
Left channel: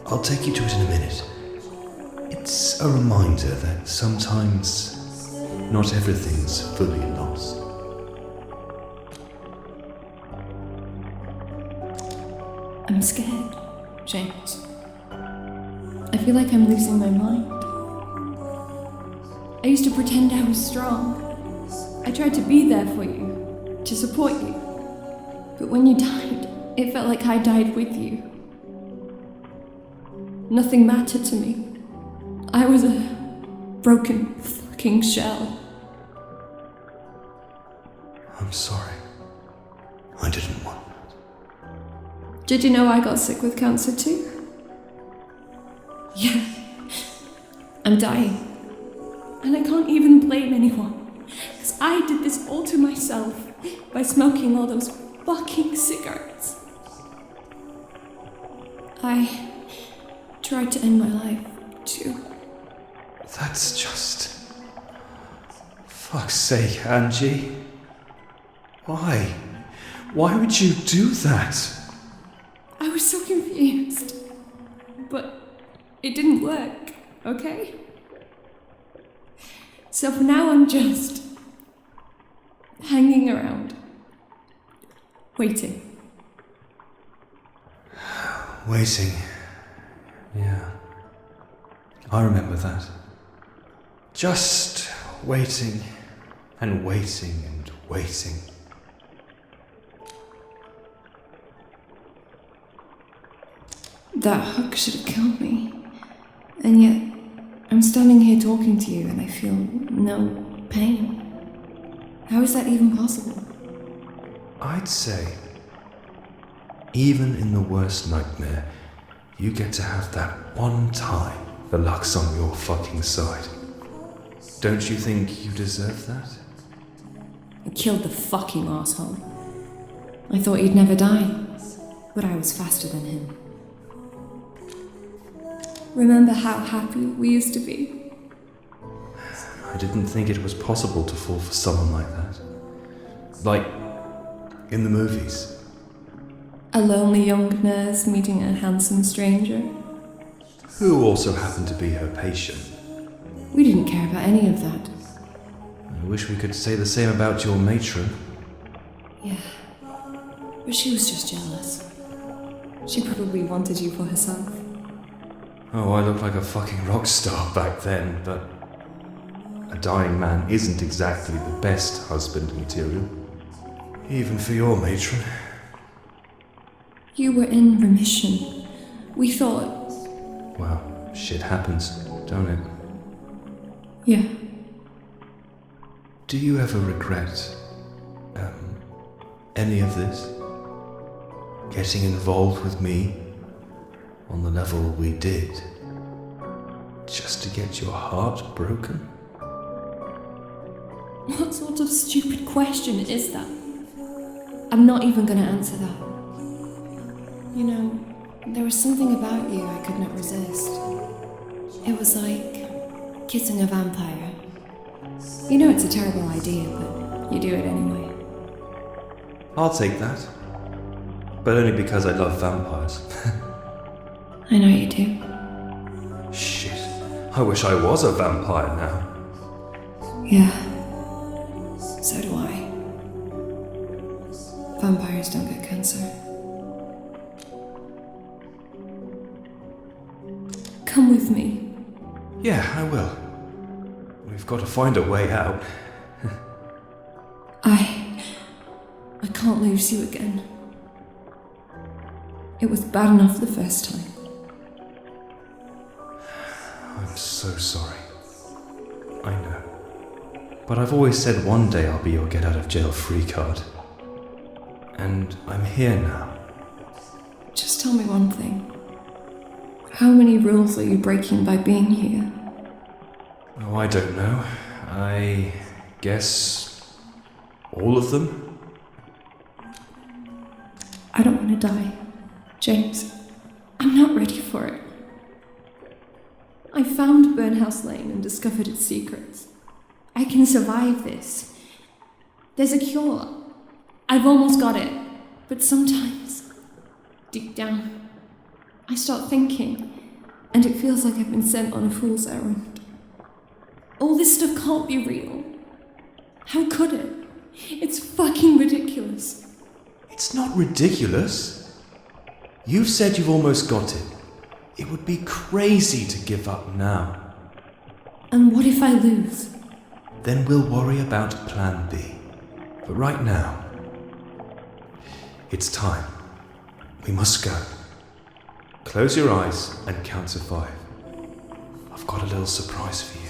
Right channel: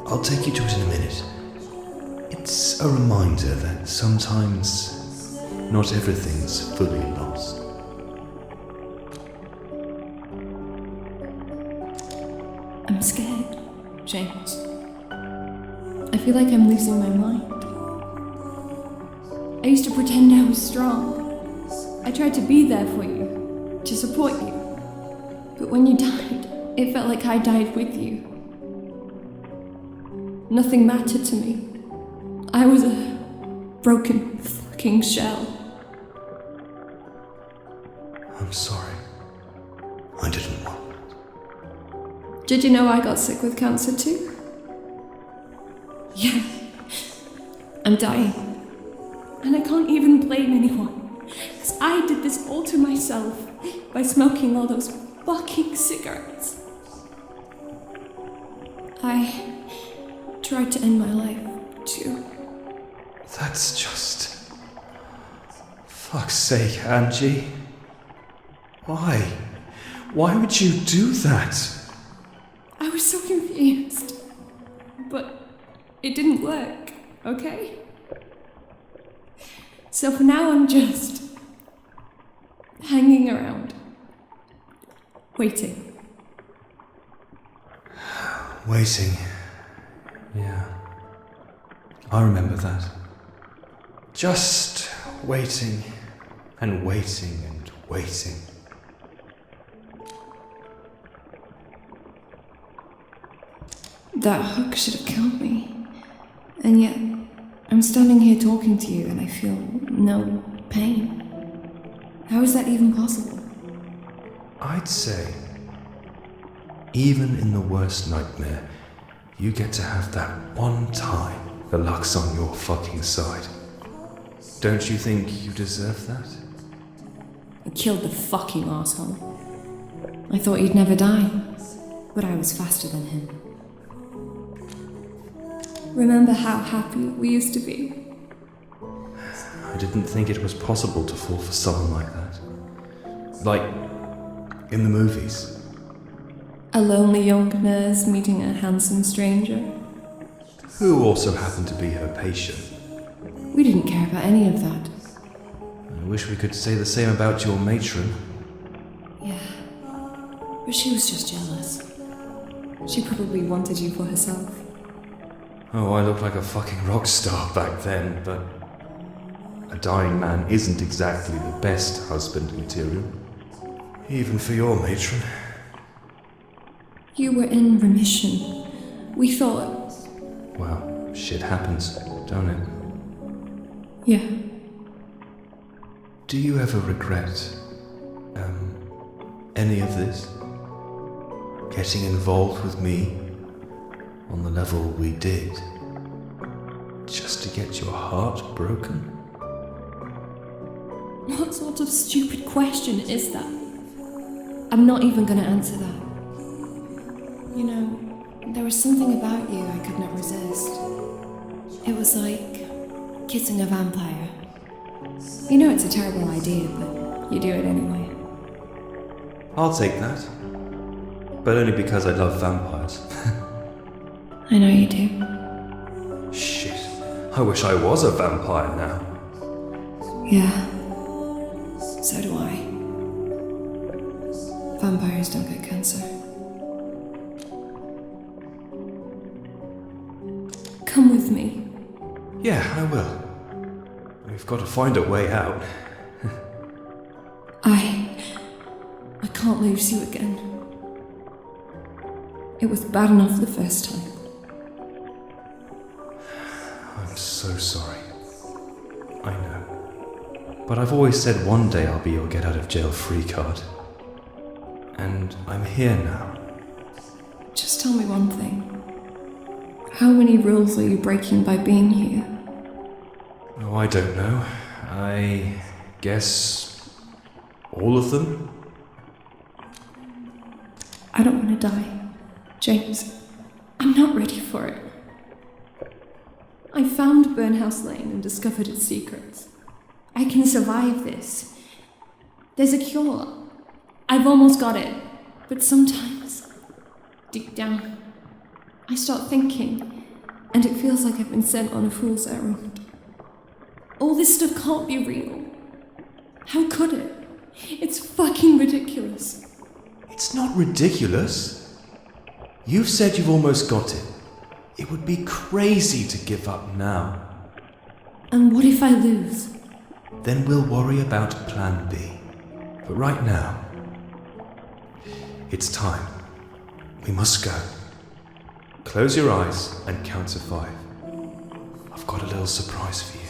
I'll take you to it in a minute. It's a reminder that sometimes not everything's fully lost. I'm scared, James. I feel like I'm losing my mind. I used to pretend I was strong. I tried to be there for you, to support you. But when you died, it felt like I died with you. Nothing mattered to me. I was a broken fucking shell. I'm sorry. I didn't want that. Did you know I got sick with cancer too? Yeah. I'm dying. And I can't even blame anyone. Because I did this all to myself by smoking all those fucking cigarettes. I tried to end my life too. That's just... Fuck's sake, Angie. Why? Why would you do that? I was so confused. But it didn't work, okay? So for now I'm just hanging around. Waiting. Waiting. Yeah. I remember that. Just waiting and waiting and waiting. That hook should have killed me. And yet, I'm standing here talking to you and I feel no pain. How is that even possible? I'd say, even in the worst nightmare, you get to have that one time the luck's on your fucking side. Don't you think you deserve that? I killed the fucking asshole. I thought he'd never die, but I was faster than him. Remember how happy we used to be? I didn't think it was possible to fall for someone like that. Like, in the movies. A lonely young nurse meeting a handsome stranger. Who also happened to be her patient. We didn't care about any of that. I wish we could say the same about your matron. Yeah, but she was just jealous. She probably wanted you for herself. Oh, I looked like a fucking rock star back then, but a dying man isn't exactly the best husband material. Even for your matron. You were in remission. We thought... Well, shit happens, don't it? Yeah. Do you ever regret, any of this? Getting involved with me on the level we did, just to get your heart broken? What sort of stupid question is that? I'm not even gonna answer that. You know, there was something about you I could not resist. It was like kissing a vampire. You know it's a terrible idea, but you do it anyway. I'll take that. But only because I love vampires. I know you do. Shit. I wish I was a vampire now. Yeah. So do I. Vampires don't get cancer. Come with me. Yeah, I will. We've got to find a way out. I can't lose you again. It was bad enough the first time. I'm so sorry. I know. But I've always said one day I'll be your get out of jail free card. And I'm here now. Just tell me one thing. How many rules are you breaking by being here? Oh, I don't know. I guess all of them? I don't want to die. James, I'm not ready for it. I found Burnhouse Lane and discovered its secrets. I can survive this. There's a cure. I've almost got it. But sometimes, deep down, I start thinking, and it feels like I've been sent on a fool's errand. All this stuff can't be real. How could it? It's fucking ridiculous. It's not ridiculous. You've said you've almost got it. It would be crazy to give up now. And what if I lose? Then we'll worry about plan B. But right now, it's time. We must go. Close your eyes and count to 5. I've got a little surprise for you.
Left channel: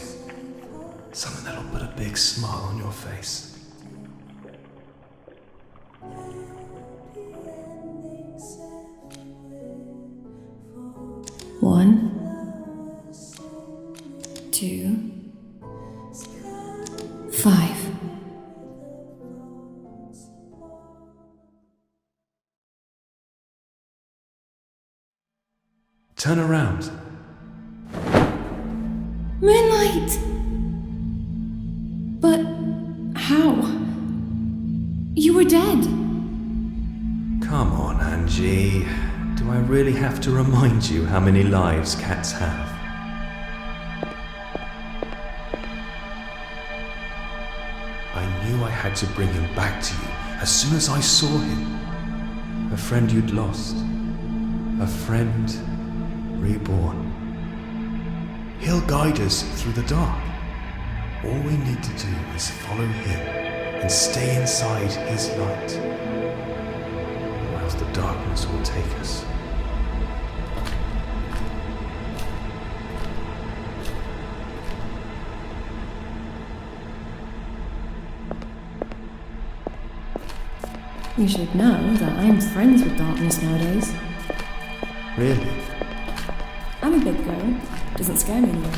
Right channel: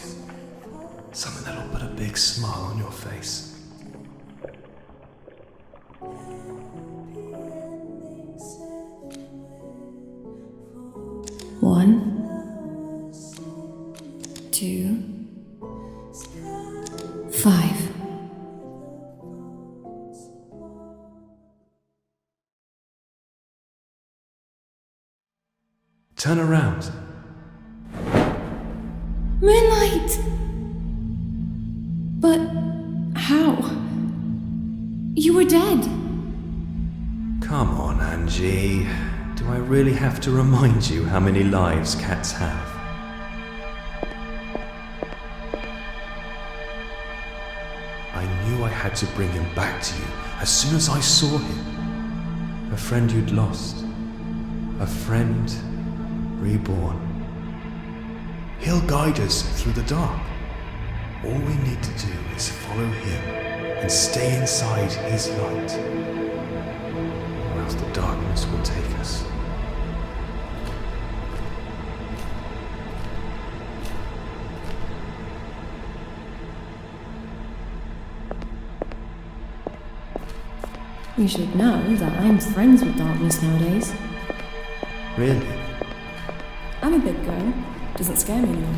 Something that'll put a big smile on your face. 1, 2, 5. Turn around. Moonlight! But how? You were dead. Come on, Angie. Do I really have to remind you how many lives cats have? I knew I had to bring him back to you as soon as I saw him. A friend you'd lost. A friend reborn. He'll guide us through the dark. All we need to do is follow him and stay inside his light. Or else the darkness will take us. You should know that I'm friends with darkness nowadays. Really? I'm a big girl. Doesn't scare me anymore.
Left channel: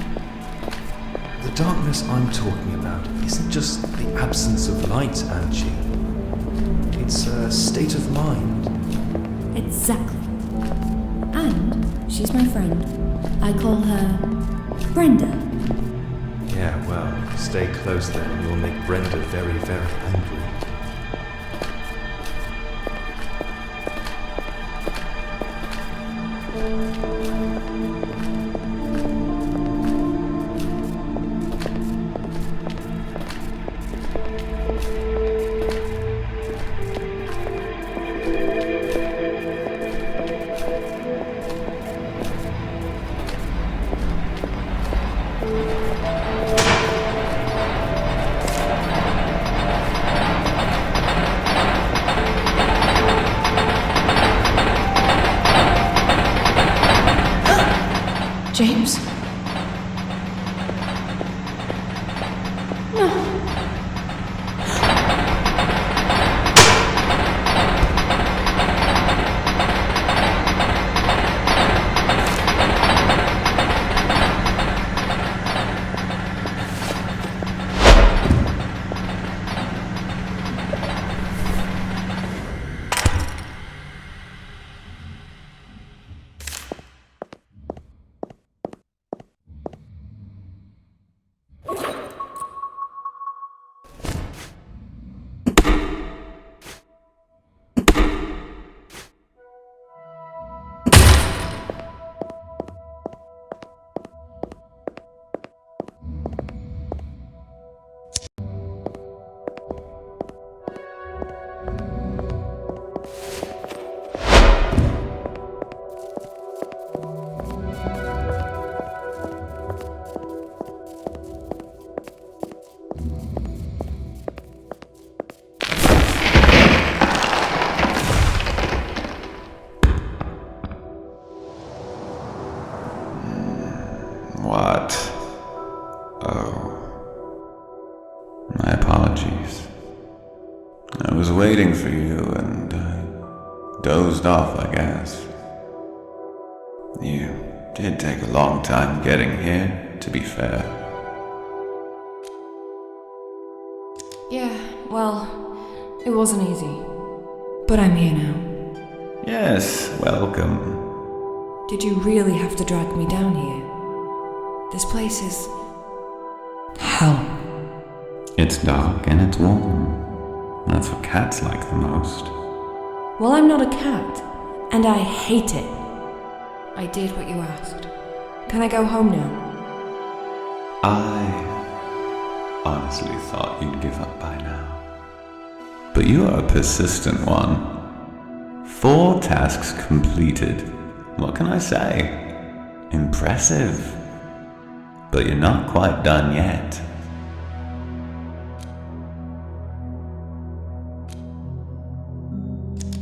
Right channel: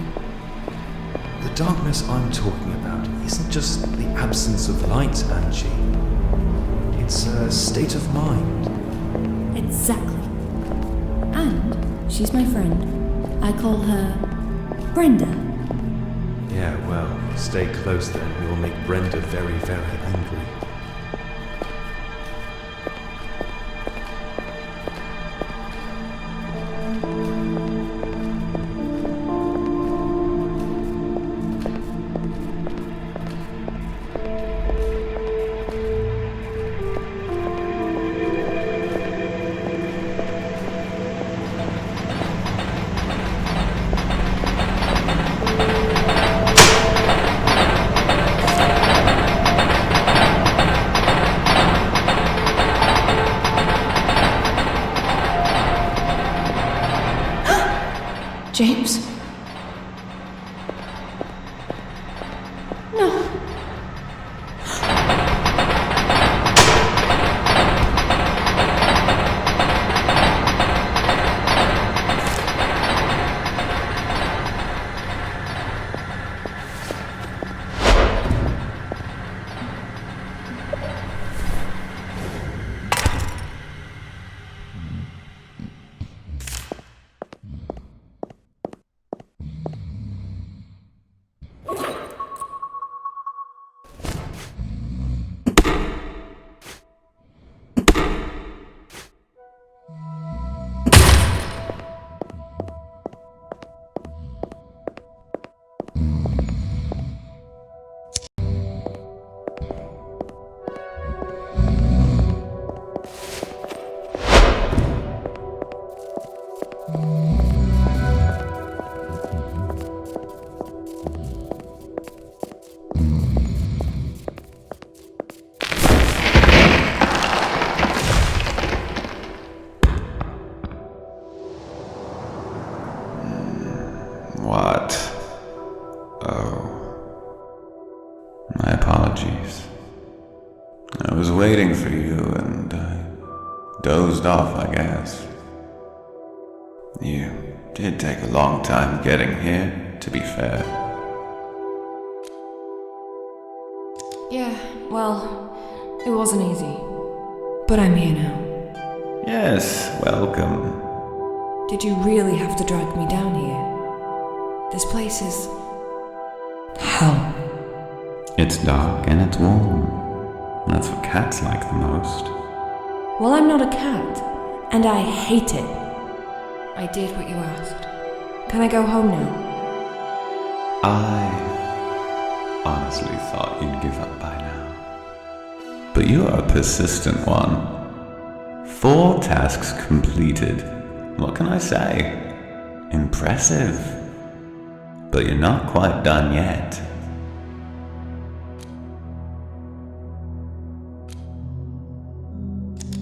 The darkness I'm talking about isn't just the absence of light, Angie. It's a state of mind. Exactly. And she's my friend. I call her Brenda. Yeah, well, stay close then. We will make Brenda very, very angry. James? No. waiting for you and I dozed off, I guess. You did take a long time getting here, to be fair. Yeah, well, it wasn't easy. But I'm here now. Yes, welcome. Did you really have to drag me down here? This place is... hell. It's dark and it's warm. That's what cats like the most. Well, I'm not a cat, and I hate it. I did what you asked. Can I go home now? I honestly thought you'd give up by now. But you are a persistent one. 4 tasks completed. What can I say? Impressive. But you're not quite done yet.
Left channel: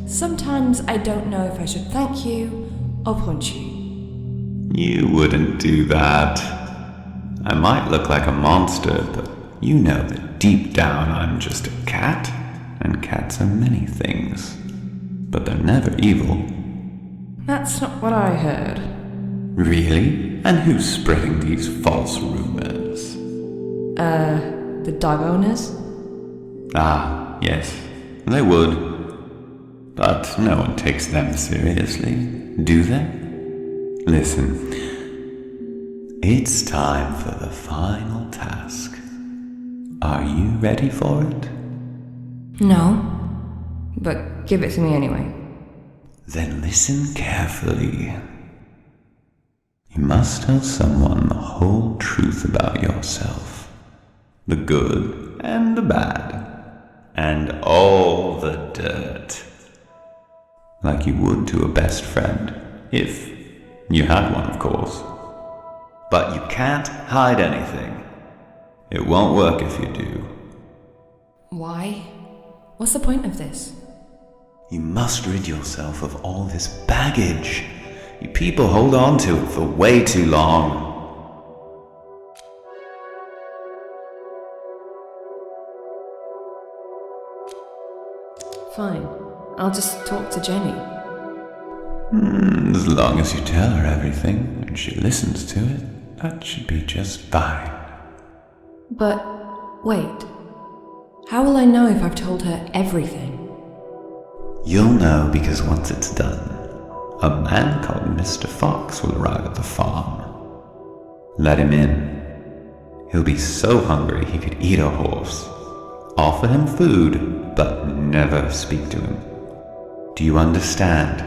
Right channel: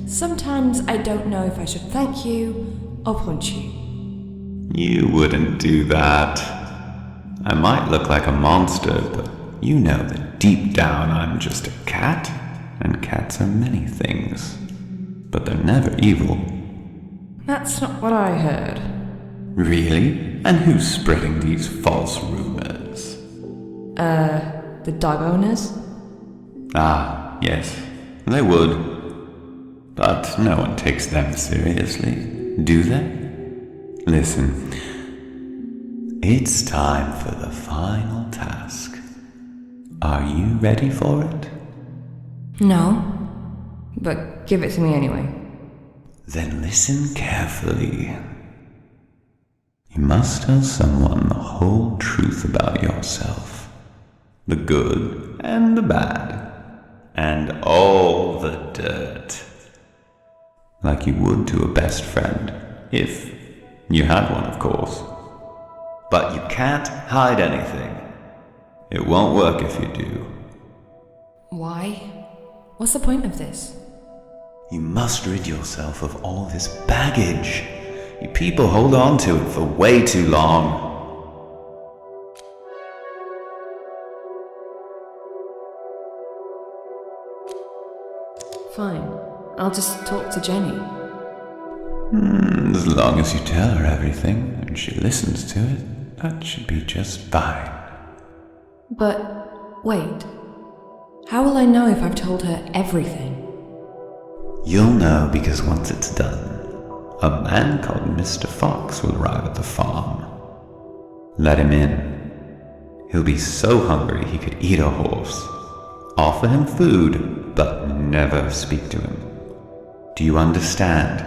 Sometimes I don't know if I should thank you or punch you. You wouldn't do that. I might look like a monster, but you know that deep down I'm just a cat, and cats are many things. But they're never evil. That's not what I heard. Really? And who's spreading these false rumors? The dog owners? Ah, yes, they would. But no one takes them seriously, do they? Listen, it's time for the final task. Are you ready for it? No. But give it to me anyway. Then listen carefully. You must tell someone the whole truth about yourself. The good and the bad. And all the dirt. Like you would to a best friend. If you had one, of course. But you can't hide anything. It won't work if you do. Why? What's the point of this? You must rid yourself of all this baggage. You people hold on to it for way too long. Fine. I'll just talk to Jenny. As long as you tell her everything and she listens to it, that should be just fine. But, wait. How will I know if I've told her everything? You'll know because once it's done, a man called Mr. Fox will arrive at the farm. Let him in. He'll be so hungry he could eat a horse. Offer him food, but never speak to him. Do you understand?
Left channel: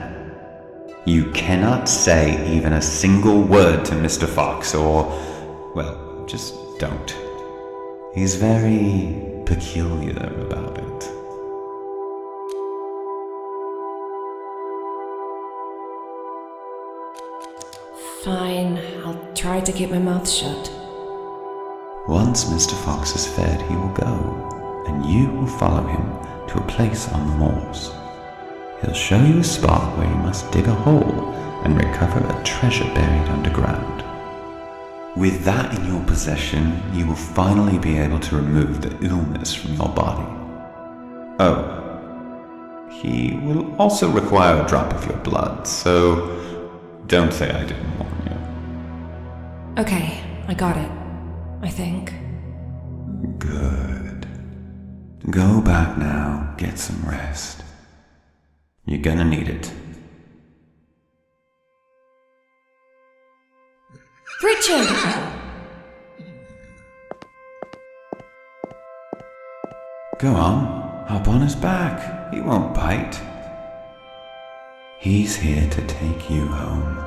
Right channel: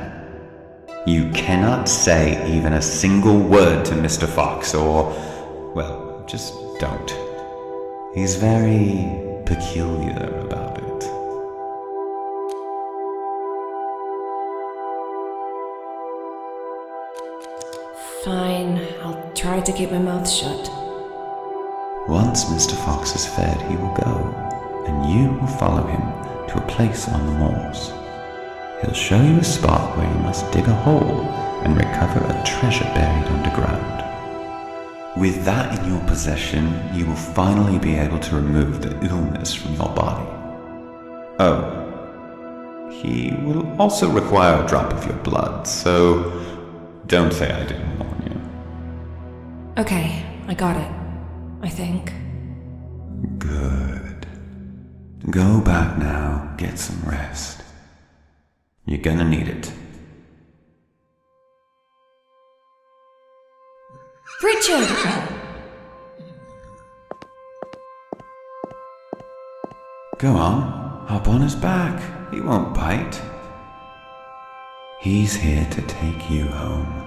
You cannot say even a single word to Mr. Fox or, well, just don't. He's very peculiar about it. Fine, I'll try to keep my mouth shut. Once Mr. Fox is fed, he will go, and you will follow him to a place on the moors. He'll show you a spot where you must dig a hole and recover a treasure buried underground. With that in your possession, you will finally be able to remove the illness from your body. Oh, he will also require a drop of your blood, so don't say I didn't warn you. Okay, I got it. I think. Good. Go back now, get some rest. You're gonna need it. Richard! Go on, hop on his back. He won't bite. He's here to take you home.